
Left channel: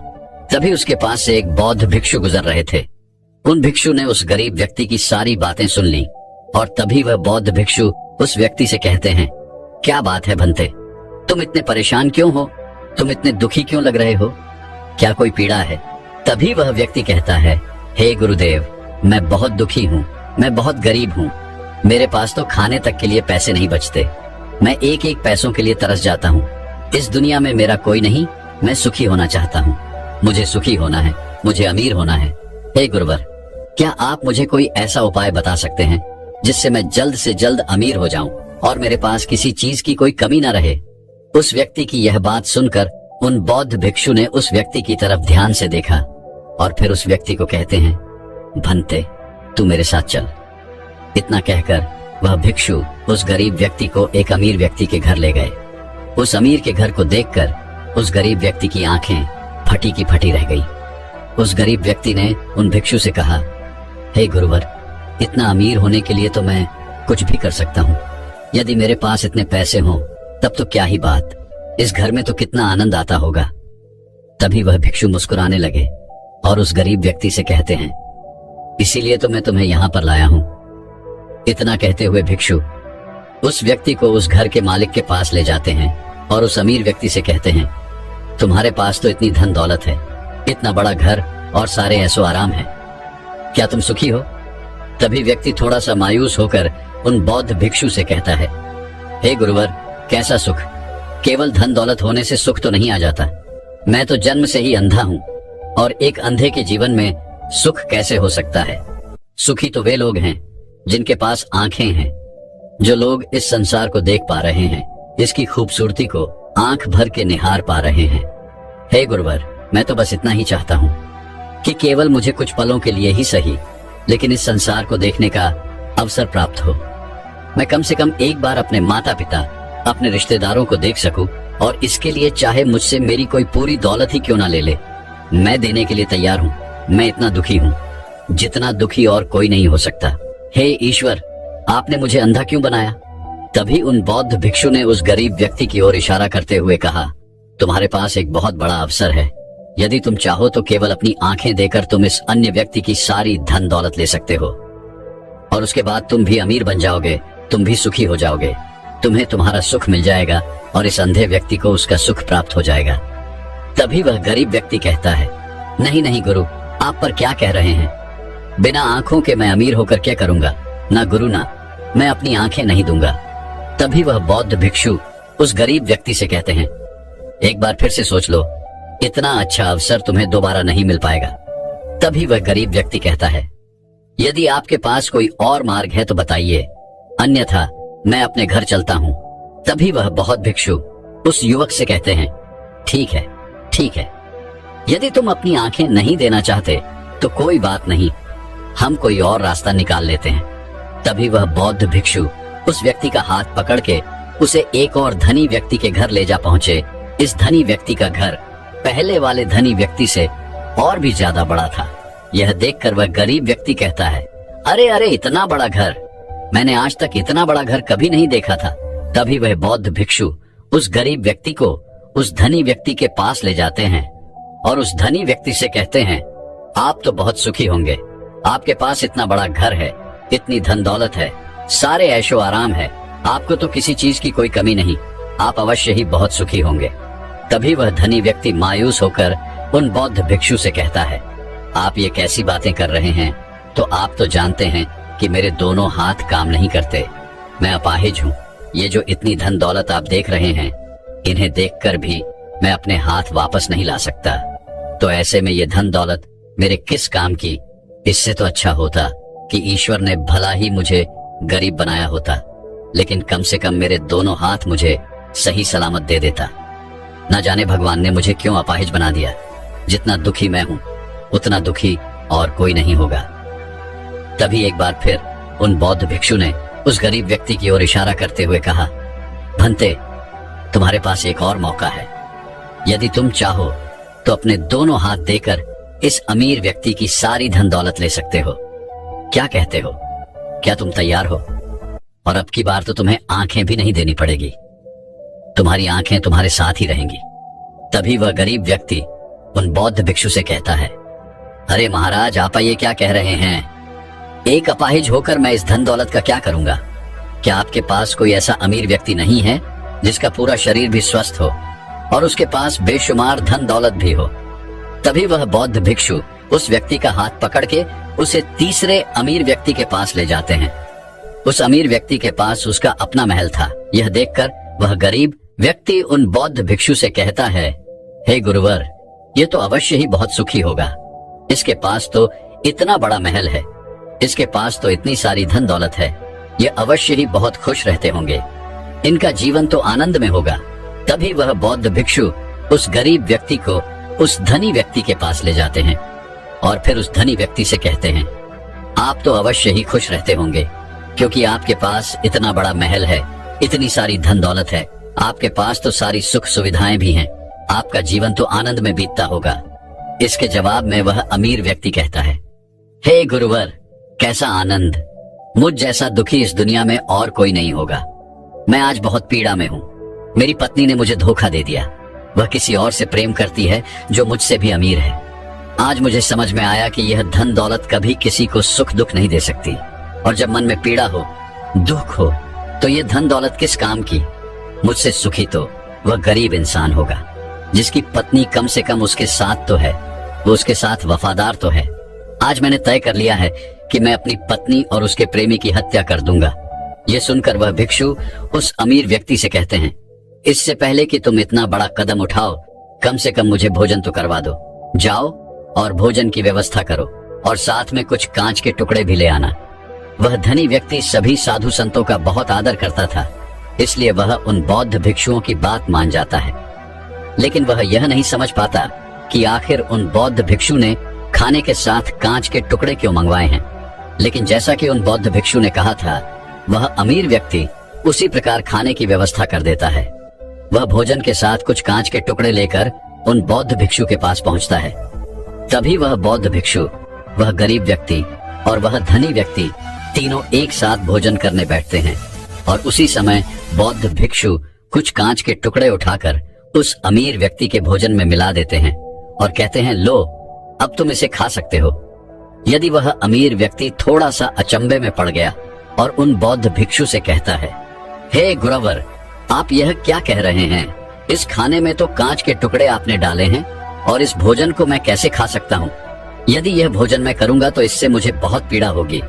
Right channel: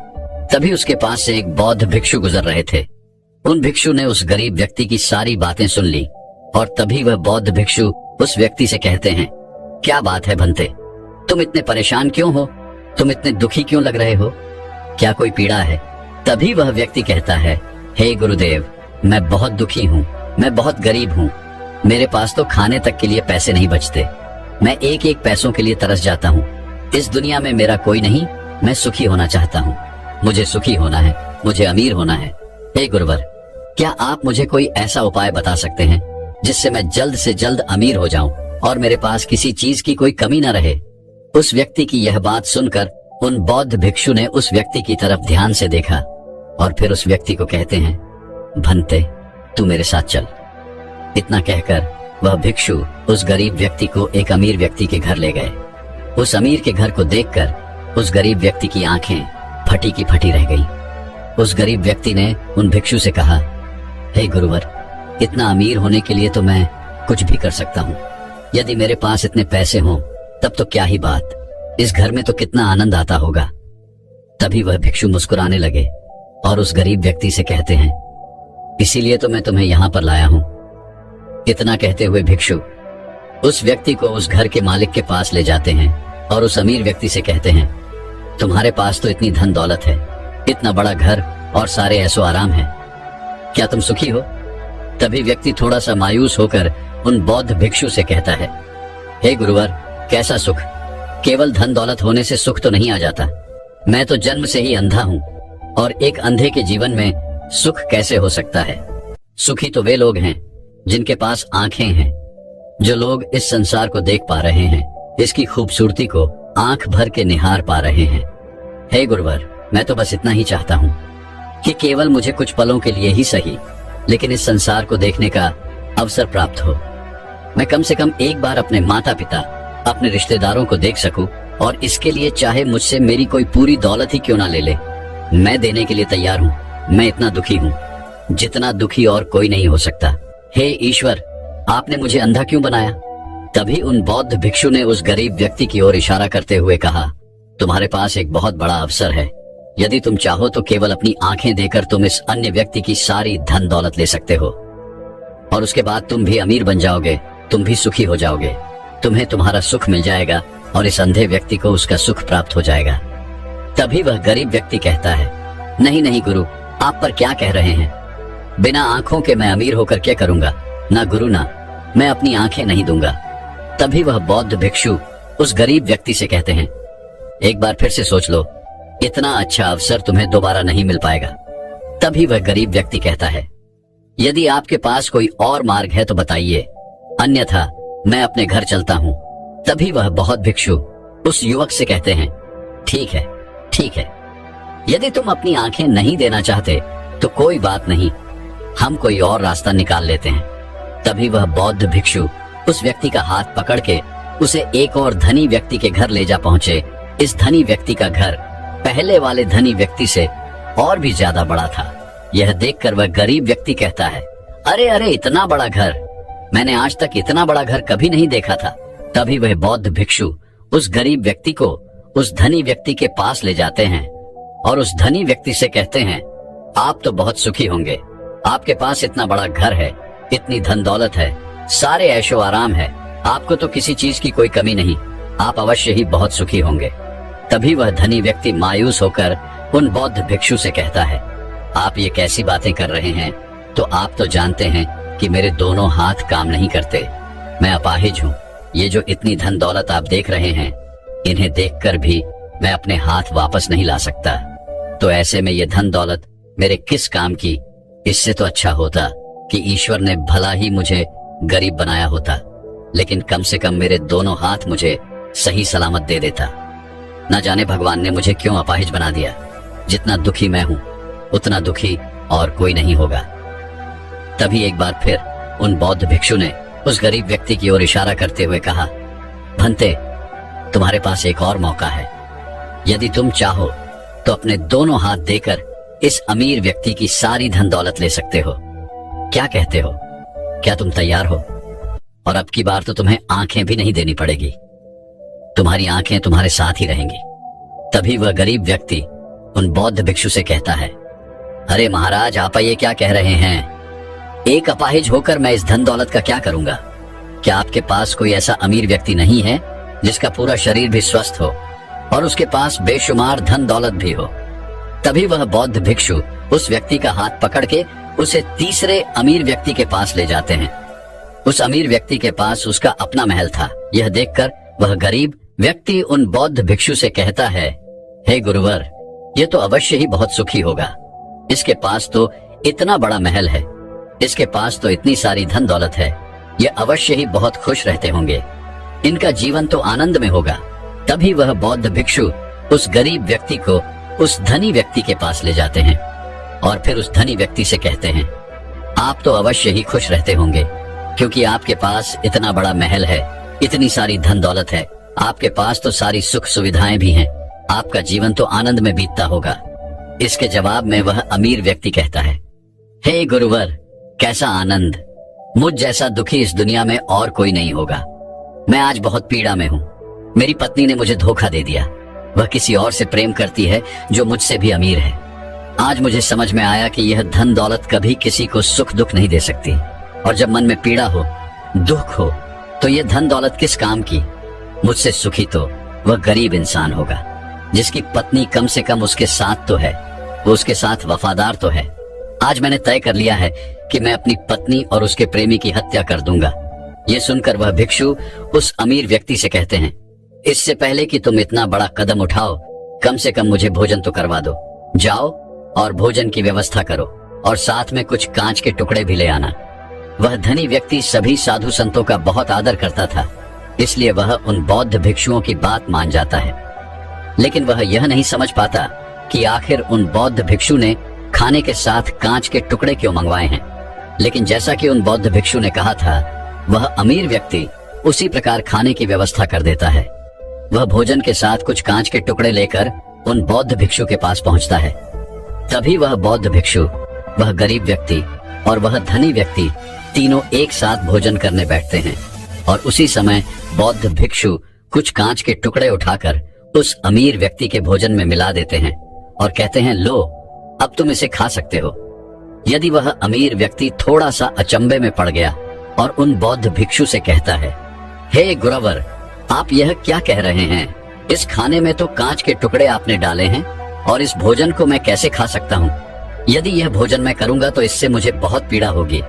तभी उसके पास से एक बौद्ध भिक्षु गुजर रहे थे। उन भिक्षु ने उस गरीब व्यक्ति की सारी बातें सुन ली और तभी वह बौद्ध भिक्षु उस व्यक्ति से कहते हैं, क्या बात है भंते, तुम इतने परेशान क्यों हो? तुम इतने दुखी क्यों लग रहे हो? क्या कोई पीड़ा है? तभी वह व्यक्ति कहता है, हे गुरुदेव, मैं बहुत दुखी हूँ, मैं बहुत गरीब हूँ। मेरे पास तो खाने तक के लिए पैसे नहीं बचते। मैं एक एक पैसों के लिए तरस जाता हूँ। इस दुनिया में मेरा कोई नहीं, मैं सुखी होना चाहता हूँ। मुझे सुखी होना है, मुझे अमीर होना है। हे गुरुवर, क्या आप मुझे कोई ऐसा उपाय बता सकते हैं जिससे मैं जल्द से जल्द अमीर हो जाऊं और मेरे पास किसी चीज की कोई कमी न रहे? उस व्यक्ति की यह बात सुनकर उन बौद्ध भिक्षु ने उस व्यक्ति की तरफ ध्यान से देखा और फिर उस व्यक्ति को कहते हैं, भंते, तू मेरे साथ चल। इतना कहकर वह भिक्षु उस गरीब व्यक्ति को एक अमीर व्यक्ति के घर ले गए। उस अमीर के घर को देखकर उस गरीब व्यक्ति की आंखें फटी की फटी रह गई। उस गरीब व्यक्ति ने उन भिक्षु से कहा, हे गुरुवर, इतना अमीर होने के लिए तो मैं कुछ भी कर सकता हूँ। यदि मेरे पास इतने पैसे हों तब तो क्या ही बात, इस घर में तो कितना आनंद आता होगा। तभी वह भिक्षु मुस्कुराने लगे और उस गरीब व्यक्ति से कहते हैं, इसीलिए तो मैं तुम्हें यहाँ पर लाया हूँ। इतना कहते हुए भिक्षु उस व्यक्ति को उस घर के मालिक के पास ले जाते हैं और उस अमीर व्यक्ति से कहते हैं, तुम्हारे पास तो इतनी धन दौलत है, इतना बड़ा घर और सारे ऐसो आराम है, क्या तुम सुखी हो? तभी व्यक्ति थोड़ा सा मायूस होकर उन बौद्ध भिक्षु से कहता है, हे गुरुवर, कैसा सुख? केवल धन दौलत होने से सुख तो नहीं आ जाता। मैं तो जन्म से ही अंधा हूँ और एक अंधे के जीवन में सुख कैसे हो सकता है? सुखी तो वे लोग हैं जिनके पास आंखें हैं, जो लोग इस संसार को देख पा रहे हैं, इसकी खूबसूरती को आंख भर के निहार पा रहे हैं। हे गुरुवर, मैं तो बस इतना ही चाहता हूँ कि केवल मुझे कुछ पलों के लिए ही सही, लेकिन इस संसार को देखने का अवसर प्राप्त हो। मैं कम से कम एक बार अपने माता पिता, अपने रिश्तेदारों को देख सकूं और इसके लिए चाहे मुझसे मेरी कोई पूरी दौलत ही क्यों ना ले ले, मैं देने के लिए तैयार हूँ। मैं इतना दुखी हूँ जितना दुखी और कोई नहीं हो सकता। हे ईश्वर, आपने मुझे अंधा क्यों बनाया? तभी उन बौद्ध भिक्षु ने उस गरीब व्यक्ति की ओर इशारा करते हुए कहा, तुम्हारे पास एक बहुत बड़ा अवसर है। यदि तुम चाहो तो केवल अपनी आंखें देकर तुम इस अन्य व्यक्ति की सारी धन दौलत ले सकते हो और उसके बाद तुम भी अमीर बन जाओगे, तुम भी सुखी हो जाओगे, तुम्हें तुम्हारा सुख मिल जाएगा और इस अंधे व्यक्ति को उसका सुख प्राप्त हो जाएगा। तभी वह गरीब व्यक्ति कहता है, नहीं नहीं गुरु, आप पर क्या कह रहे हैं? बिना आंखों के मैं अमीर होकर क्या करूंगा? ना गुरु, ना, मैं अपनी आंखें नहीं दूंगा। तभी वह बौद्ध भिक्षु उस गरीब व्यक्ति से कहते हैं, एक बार फिर से सोच लो, इतना अच्छा अवसर तुम्हें दोबारा नहीं मिल पाएगा। तभी वह गरीब व्यक्ति कहता है, यदि आपके पास कोई और मार्ग है तो बताइए, अन्यथा मैं अपने घर चलता हूँ। तभी वह बौद्ध भिक्षु उस युवक से कहते हैं, ठीक है, ठीक है, यदि तुम अपनी आंखें नहीं देना चाहते तो कोई बात नहीं, हम कोई और रास्ता निकाल लेते हैं। तभी वह बौद्ध भिक्षु उस व्यक्ति का हाथ पकड़ के उसे एक और धनी व्यक्ति के घर ले जा पहुंचे। इस धनी व्यक्ति का घर पहले वाले धनी व्यक्ति से और भी ज्यादा बड़ा था। यह देखकर वह गरीब व्यक्ति कहता है, अरे अरे, इतना बड़ा घर, मैंने आज तक इतना बड़ा घर कभी नहीं देखा था। तभी वह बौद्ध भिक्षु उस गरीब व्यक्ति को उस धनी व्यक्ति के पास ले जाते हैं और उस धनी व्यक्ति से कहते हैं, आप तो बहुत सुखी होंगे, आपके पास इतना बड़ा घर है, इतनी धन दौलत है, सारे ऐशो आराम है, आपको तो किसी चीज की कोई कमी नहीं, आप अवश्य ही बहुत सुखी होंगे। तभी वह धनी व्यक्ति मायूस होकर उन बौद्ध भिक्षु से कहता है, आप ये कैसी बातें कर रहे हैं? तो आप तो जानते हैं कि मेरे दोनों हाथ काम नहीं करते, मैं अपाहिज हूँ। ये जो इतनी धन दौलत आप देख रहे हैं, इन्हें देखकर भी मैं अपने हाथ वापस नहीं ला सकता। तो ऐसे में ये धन दौलत मेरे किस काम की? इससे तो अच्छा होता कि ईश्वर ने भला ही मुझे गरीब बनाया होता, लेकिन कम से कम मेरे दोनों हाथ मुझे सही सलामत दे देता। न जाने भगवान ने मुझे क्यों अपाहिज बना दिया। जितना दुखी मैं हूँ उतना दुखी और कोई नहीं होगा। तभी एक बार फिर उन बौद्ध भिक्षु ने उस गरीब व्यक्ति की ओर इशारा करते हुए कहा, भंते, तुम्हारे पास एक और मौका है। यदि तुम चाहो तो अपने दोनों हाथ देकर इस अमीर व्यक्ति की सारी धन दौलत ले सकते हो। क्या कहते हो? क्या तुम तैयार हो? और अब की बार तो तुम्हें आंखें भी नहीं देनी पड़ेगी, तुम्हारी आंखें तुम्हारे साथ ही रहेंगी। तभी वह गरीब व्यक्ति उन बौद्ध भिक्षु से कहता है, अरे महाराज, आप ये क्या कह रहे हैं? एक अपाहिज होकर मैं इस धन दौलत का क्या करूंगा? क्या आपके पास कोई ऐसा अमीर व्यक्ति नहीं है जिसका पूरा शरीर भी स्वस्थ हो और उसके पास बेशुमार धन दौलत भी हो? तभी वह बौद्ध भिक्षु उस व्यक्ति का हाथ पकड़ के उसे तीसरे अमीर व्यक्ति के पास ले जाते हैं। उस अमीर व्यक्ति के पास उसका अपना महल था। यह देखकर वह गरीब व्यक्ति उन बौद्ध भिक्षु से कहता है, हे गुरुवर, ये तो अवश्य ही बहुत सुखी होगा। इसके पास तो इतना बड़ा महल है, इसके पास तो इतनी सारी धन दौलत है, ये अवश्य ही बहुत खुश रहते होंगे, इनका जीवन तो आनंद में होगा। तभी वह बौद्ध भिक्षु उस गरीब व्यक्ति को उस धनी व्यक्ति के पास ले जाते हैं और फिर उस धनी व्यक्ति से कहते हैं, आप तो अवश्य ही खुश रहते होंगे, क्योंकि आपके पास इतना बड़ा महल है, इतनी सारी धन दौलत है, आपके पास तो सारी सुख सुविधाएं भी हैं, आपका जीवन तो आनंद में बीतता होगा। इसके जवाब में वह अमीर व्यक्ति कहता है, हे गुरुवर, कैसा आनंद, मुझ जैसा दुखी इस दुनिया में और कोई नहीं होगा। मैं आज बहुत पीड़ा में हूँ। मेरी पत्नी ने मुझे धोखा दे दिया, वह किसी और से प्रेम करती है जो मुझसे भी अमीर है। आज मुझे समझ में आया कि यह धन दौलत कभी किसी को सुख दुख नहीं दे सकती, और जब मन में पीड़ा हो, दुख हो, तो ये धन दौलत किस काम की। मुझसे सुखी तो वह गरीब इंसान होगा जिसकी पत्नी कम से कम उसके साथ तो है, वो उसके साथ वफादार तो है। आज मैंने तय कर लिया है कि मैं अपनी पत्नी और उसके प्रेमी की हत्या कर दूंगा। ये सुनकर वह भिक्षु उस अमीर व्यक्ति से कहते हैं, इससे पहले कि तुम इतना बड़ा कदम उठाओ, कम से कम मुझे भोजन तो करवा दो। जाओ और भोजन की व्यवस्था करो और साथ में कुछ कांच के टुकड़े भी ले आना। वह धनी व्यक्ति सभी साधु संतों का बहुत आदर करता था, इसलिए वह उन बौद्ध भिक्षुओं की बात मान जाता है। लेकिन वह यह नहीं समझ पाता कि आखिर उन बौद्ध भिक्षु ने खाने के साथ कांच के टुकड़े क्यों मंगवाए हैं। लेकिन जैसा कि उन बौद्ध भिक्षु ने कहा था, वह अमीर व्यक्ति उसी प्रकार खाने की व्यवस्था कर देता है। वह भोजन के साथ कुछ कांच के टुकड़े लेकर उन बौद्ध भिक्षु के पास पहुंचता है। तभी वह बौद्ध भिक्षु, वह गरीब व्यक्ति और वह धनी व्यक्ति तीनों एक साथ भोजन करने बैठते हैं, और उसी समय बौद्ध भिक्षु कुछ कांच के टुकड़े उठाकर उस अमीर व्यक्ति के भोजन में मिला देते हैं और कहते हैं, लो, अब तुम इसे खा सकते हो। यदि वह अमीर व्यक्ति थोड़ा सा अचंभे में पड़ गया और उन बौद्ध भिक्षु से कहता है, हे गुरुवर, आप यह क्या कह रहे हैं? इस खाने में तो कांच के टुकड़े आपने डाले हैं और इस भोजन को मैं कैसे खा सकता हूँ? यदि यह भोजन मैं करूंगा तो इससे मुझे बहुत पीड़ा होगी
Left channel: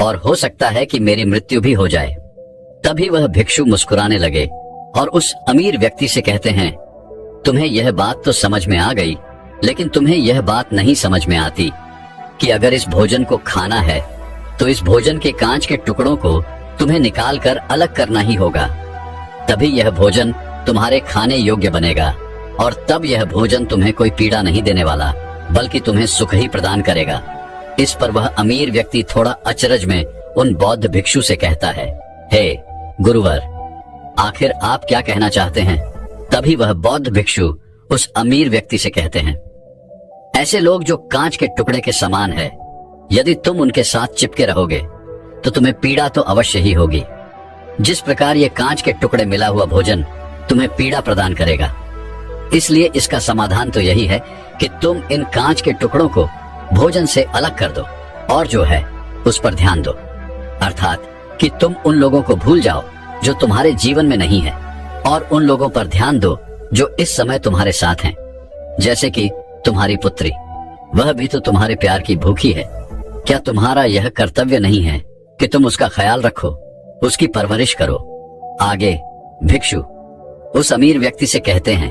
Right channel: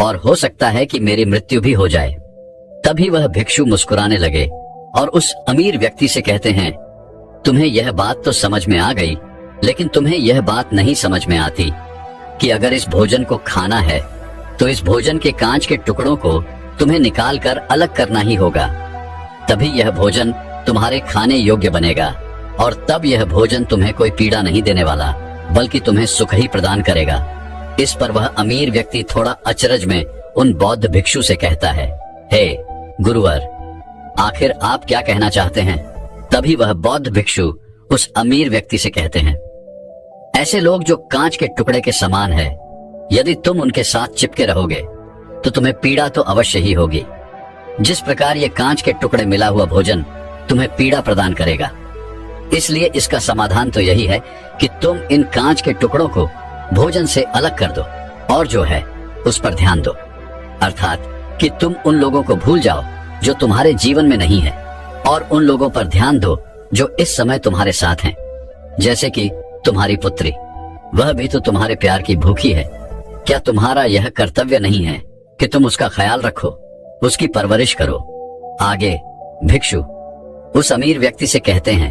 और हो सकता है कि मेरी मृत्यु भी हो जाए। तभी वह भिक्षु मुस्कुराने लगे और उस अमीर व्यक्ति से कहते हैं, तुम्हें यह बात तो समझ में आ गई, लेकिन तुम्हें यह बात नहीं समझ में आती कि अगर इस भोजन को खाना है तो इस भोजन के कांच के टुकड़ों को तुम्हें निकाल कर अलग करना ही होगा। तभी यह भोजन तुम्हारे खाने योग्य बनेगा और तब यह भोजन तुम्हें कोई पीड़ा नहीं देने वाला, बल्कि तुम्हें सुख ही प्रदान करेगा। इस पर वह अमीर व्यक्ति थोड़ा अचरज में उन बौद्ध भिक्षु से कहता है, हे गुरुवर, आखिर आप क्या कहना चाहते हैं? तभी वह बौद्ध भिक्षु उस अमीर व्यक्ति से कहते हैं, ऐसे लोग जो कांच के टुकड़े के समान है, यदि तुम उनके साथ चिपके रहोगे तो तुम्हें पीड़ा तो अवश्य ही होगी। जिस प्रकार ये कांच के टुकड़े मिला हुआ भोजन तुम्हें पीड़ा प्रदान करेगा, इसलिए इसका समाधान तो यही है कि तुम इन कांच के टुकड़ों को भोजन से अलग कर दो और जो है उस पर ध्यान दो, अर्थात कि तुम उन लोगों को भूल जाओ जो तुम्हारे जीवन में नहीं है और उन लोगों पर ध्यान दो जो इस समय तुम्हारे साथ हैं। जैसे कि तुम्हारी पुत्री, वह भी तो तुम्हारे प्यार की भूखी है। क्या तुम्हारा यह कर्तव्य नहीं है कि तुम उसका ख्याल रखो, उसकी परवरिश करो? आगे भिक्षु उस अमीर व्यक्ति से कहते हैं,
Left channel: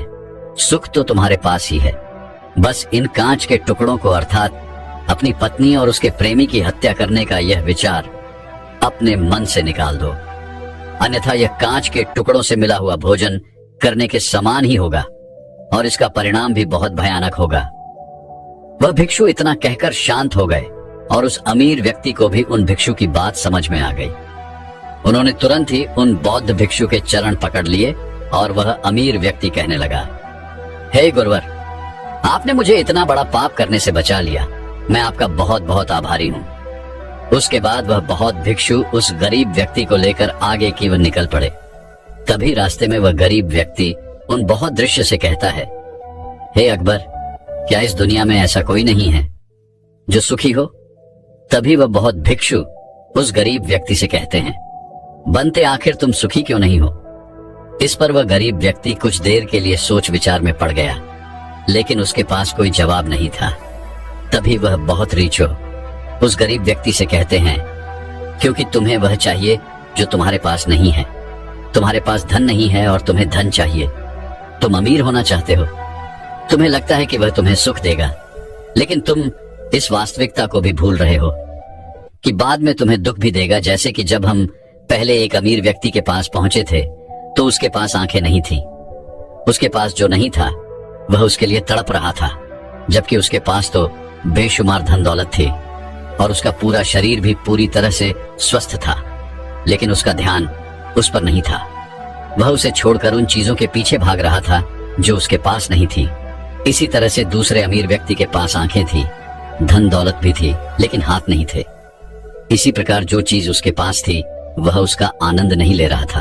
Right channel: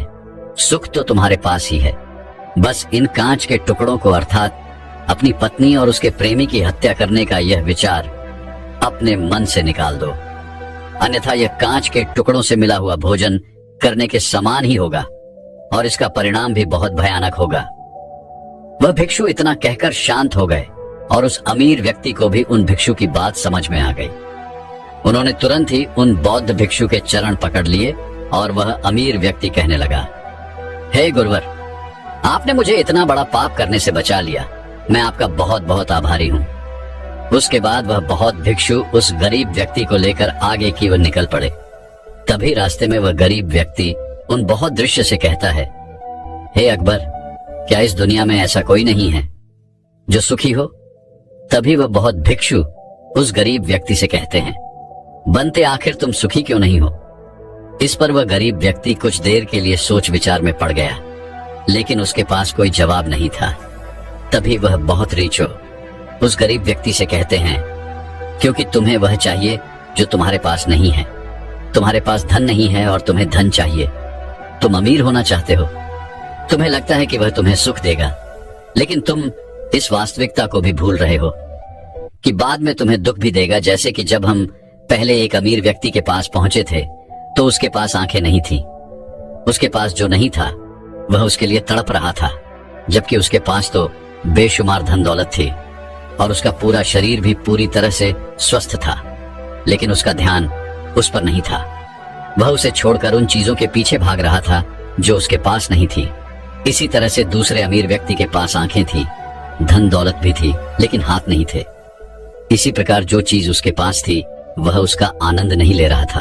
सुख तो तुम्हारे पास ही है, बस इन कांच के टुकड़ों को अर्थात अपनी पत्नी और उसके प्रेमी की हत्या करने का यह विचार अपने मन से निकाल दो, अन्यथा यह कांच के टुकड़ों से मिला हुआ भोजन करने के समान ही होगा और इसका परिणाम भी बहुत भयानक होगा। वह भिक्षु इतना कहकर शांत हो गए और उस अमीर व्यक्ति को भी उन भिक्षु की बात समझ में आ गई। उन्होंने तुरंत ही उन बौद्ध भिक्षु के चरण पकड़ लिए और वह अमीर व्यक्ति कहने लगा, हे गुरुवर, आपने मुझे इतना बड़ा पाप करने से बचा लिया, मैं आपका बहुत बहुत आभारी हूँ। उसके बाद वह बौद्ध भिक्षु उस गरीब व्यक्ति को लेकर आगे की ओर निकल पड़े। तभी रास्ते में वह गरीब व्यक्ति उन बौद्ध दृश्य से कहता है, हे अकबर, क्या इस दुनिया में ऐसा कोई नहीं है जो सुखी हो? तभी वह बौद्ध भिक्षु उस गरीब व्यक्ति से कहते हैं, बनते आखिर तुम सुखी क्यों नहीं हो? इस पर वह गरीब व्यक्ति कुछ देर के लिए सोच विचार में पड़ गया, लेकिन उसके पास कोई जवाब नहीं था। तभी वह बहुत रीचो उस गरीब व्यक्ति से कहते हैं, क्योंकि तुम्हें वह चाहिए जो तुम्हारे पास नहीं है। तुम्हारे पास धन नहीं है और तुम्हें धन चाहिए। तुम अमीर होना चाहते हो। तुम्हें लगता है कि वह तुम्हें सुख देगा, लेकिन तुम इस वास्तविकता को भी भूल रहे हो कि बाद में तुम्हें दुख भी देगा। जैसे कि जब हम पहले एक अमीर व्यक्ति के पास पहुंचे थे तो उसके पास आंखें नहीं थी। उसके पास जो नहीं था वह उसके लिए तड़प रहा था, जबकि उसके पास तो बेशुमार धन दौलत थी और उसका पूरा शरीर भी पूरी तरह से स्वस्थ था, लेकिन उसका ध्यान उस पर नहीं था। वह उसे छोड़कर उन चीजों के पीछे भाग रहा था जो उसके पास नहीं थी। इसी तरह से दूसरे अमीर व्यक्ति के पास आंखें थी, धन दौलत भी थी, लेकिन हाथ नहीं थे। इसी प्रकार जो चीज उसके पास थी वह उसका आनंद नहीं ले रहा था,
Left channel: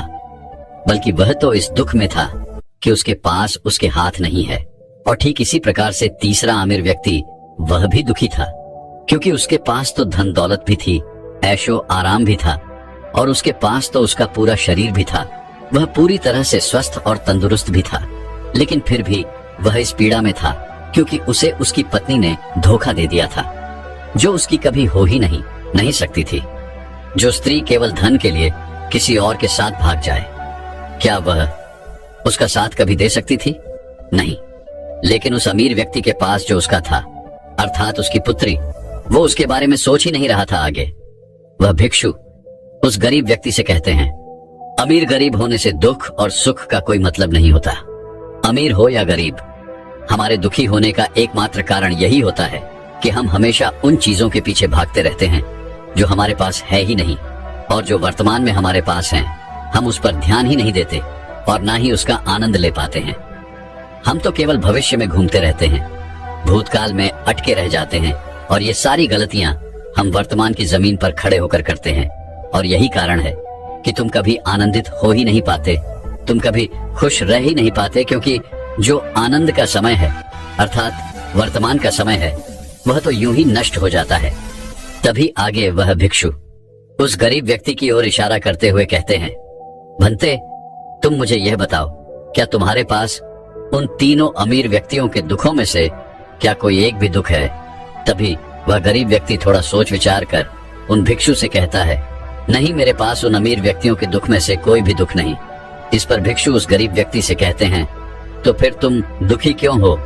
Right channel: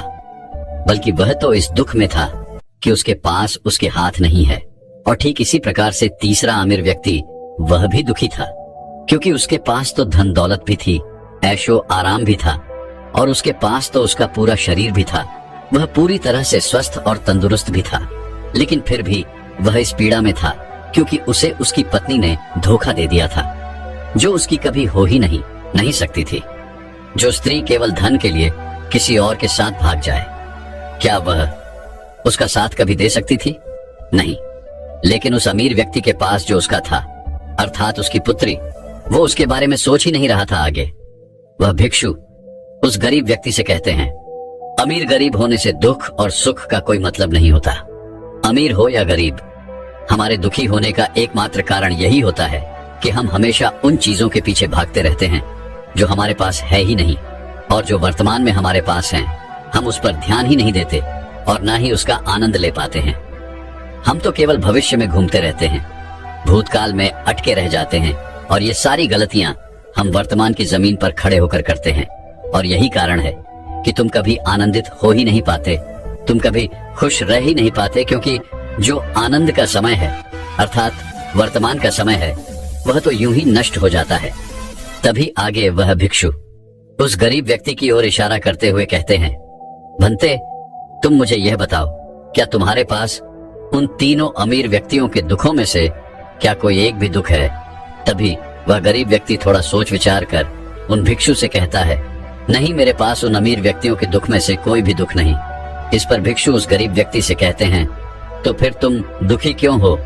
बल्कि वह तो इस दुख में था कि उसके पास उसके हाथ नहीं है। और ठीक इसी प्रकार से तीसरा अमीर व्यक्ति वह भी दुखी था, क्योंकि उसके पास तो धन दौलत भी थी, ऐशो आराम भी था, और उसके पास तो उसका पूरा शरीर भी था। वह पूरी तरह से स्वस्थ और तंदुरुस्त भी था, लेकिन फिर भी वह इस पीड़ा में था क्योंकि उसे उसकी पत्नी ने धोखा दे दिया था, जो उसकी कभी हो ही नहीं सकती थी। जो स्त्री केवल धन के लिए किसी और के साथ भाग जाए, क्या वह उसका साथ कभी दे सकती थी? नहीं। लेकिन उस अमीर व्यक्ति के पास जो उसका था, अर्थात उसकी पुत्री, वो उसके बारे में सोच ही नहीं रहा था आगे। वह भिक्षु उस गरीब व्यक्ति से कहते हैं, अमीर गरीब होने से दुख और सुख का कोई मतलब नहीं होता। अमीर हो या गरीब, हमारे दुखी होने का एकमात्र कारण यही होता है कि हम हमेशा उन चीजों के पीछे भागते रहते हैं जो हमारे पास है ही नहीं, और जो वर्तमान में हमारे पास हैं हम उस पर ध्यान ही नहीं देते और ना ही उसका आनंद ले पाते हैं। हम तो केवल भविष्य में घूमते रहते हैं, भूतकाल में अटके रह जाते हैं, और ये सारी गलतियां हम वर्तमान की जमीन पर खड़े होकर करते हैं। और यही कारण है कि तुम कभी आनंदित हो ही नहीं पाते, तुम कभी खुश रह ही नहीं पाते, क्योंकि जो आनंद का समय है, अर्थात वर्तमान का समय है, वह तो यूं ही नष्ट हो जाता है। तभी आगे वह भिक्षु उस गरीब व्यक्ति की ओर इशारा करते हुए कहते हैं, भंते, तुम मुझे यह बताओ, क्या तुम्हारे पास उन तीनों अमीर व्यक्तियों के दुखों में से क्या कोई एक भी दुख है? तभी वह गरीब व्यक्ति थोड़ा सोच विचार कर उन भिक्षु से कहता है, नहीं, मेरे पास उन अमीर व्यक्तियों के दुख में से कोई भी दुख नहीं। इस पर भिक्षु उस गरीब व्यक्ति से कहते हैं, तो फिर तुम दुखी क्यों हो?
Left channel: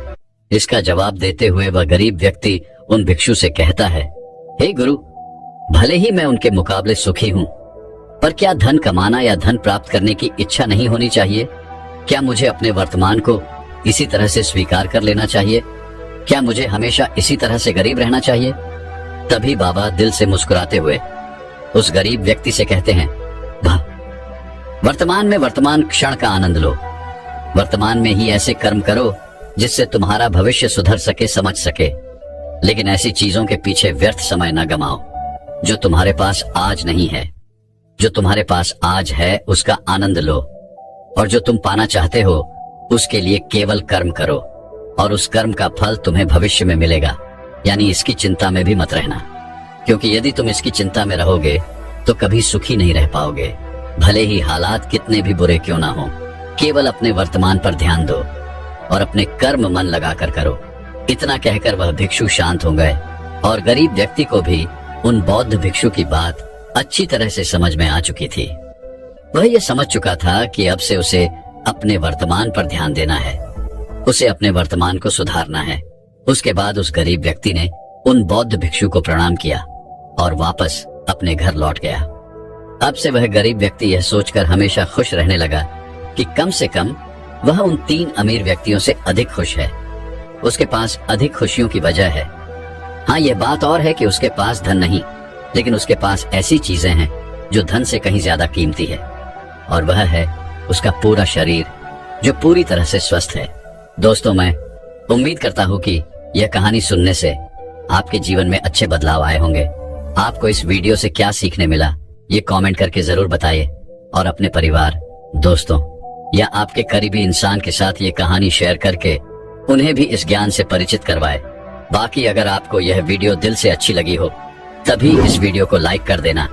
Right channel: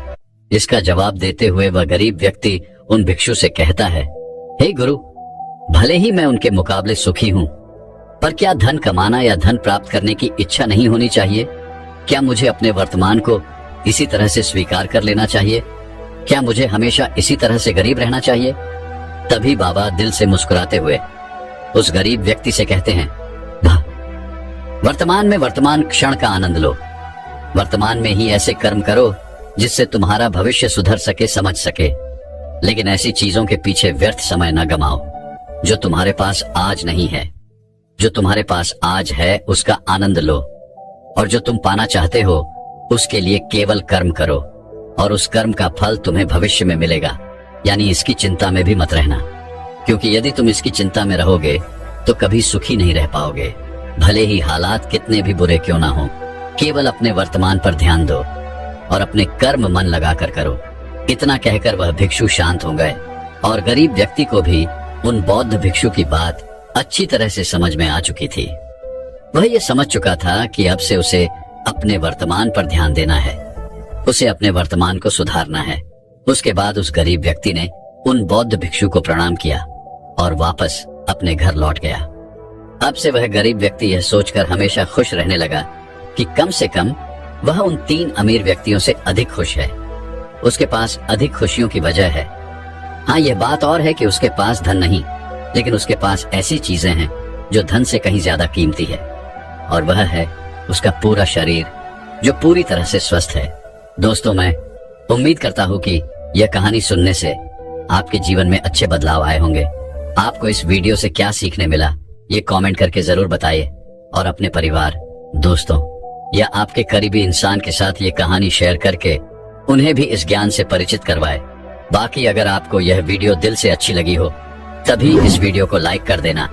इसका जवाब देते हुए वह गरीब व्यक्ति उन भिक्षु से कहता है, हे गुरु, भले ही मैं उनके मुकाबले सुखी हूँ, पर क्या धन कमाना या धन प्राप्त करने की इच्छा नहीं होनी चाहिए? क्या मुझे अपने वर्तमान को इसी तरह से स्वीकार कर लेना चाहिए? क्या मुझे हमेशा इसी तरह से गरीब रहना चाहिए? तभी बाबा दिल से मुस्कुराते हुए उस गरीब व्यक्ति से कहते हैं, वर्तमान में वर्तमान क्षण का आनंद लो। वर्तमान में ही ऐसे कर्म करो जिससे तुम्हारा भविष्य सुधर सके, समझ सके, लेकिन ऐसी चीजों के पीछे व्यर्थ समय न गमाओ जो तुम्हारे पास आज नहीं है। जो तुम्हारे पास आज है उसका आनंद लो, और जो तुम पाना चाहते हो उसके लिए केवल कर्म करो, और उस कर्म का फल तुम्हें भविष्य में मिलेगा। यानी इसकी चिंता में भी मत रहना, क्योंकि यदि तुम इसकी चिंता में रहोगे तो कभी सुखी नहीं रह पाओगे, भले ही हालात कितने भी बुरे क्यों ना हो। केवल अपने वर्तमान पर ध्यान दो और अपने कर्म मन लगाकर करो। इतना कहकर वह भिक्षु शांत हो गए, और गरीब व्यक्ति को भी उन बौद्ध भिक्षु की बात अच्छी तरह से समझ में आ चुकी थी। वह ये समझ चुका था कि अब से उसे अपने वर्तमान पर ध्यान देना है, उसे अपने वर्तमान को सुधारना है। उसके बाद उस गरीब व्यक्ति ने उन बौद्ध भिक्षु को प्रणाम किया और वापस अपने घर लौट गया। अब से वह गरीब व्यक्ति यह सोचकर हमेशा खुश रहने लगा कि कम से कम वह उन तीन अमीर व्यक्तियों से अधिक खुश है। उसके पास अधिक खुशियों की वजह है। हाँ, यह बात और है कि उसके पास धन नहीं, लेकिन उसके पास ऐसी चीजें हैं जो धन से कहीं ज्यादा कीमती है, और वह है उसका पूरा शरीर जो पूरी तरह से स्वस्थ है। दोस्तों, मैं उम्मीद करता हूँ कि यह कहानी सुनने से आपके जीवन में अच्छे बदलाव आए होंगे। आपको इस वीडियो से क्या सीखने मिला, ये कमेंट करके जरूर बताइए, और अपने परिवार, दोस्तों या आपके करीबी इंसान के साथ ये कहानी शेयर करके उन्हें भी इस ज्ञान से परिचित करवाए। बाकी अगर आपको यह वीडियो दिल से अच्छी लगी हो तभी इस वीडियो को लाइक कर देना,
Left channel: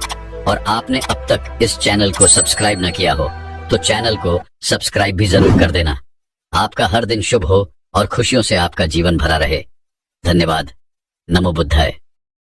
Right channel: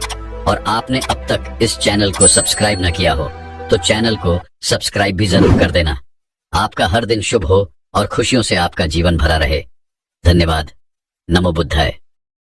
और आपने अब तक इस चैनल को सब्सक्राइब न किया हो तो चैनल को सब्सक्राइब भी जरूर कर देना। आपका हर दिन शुभ हो और खुशियों से आपका जीवन भरा रहे। धन्यवाद। नमो बुद्धाय।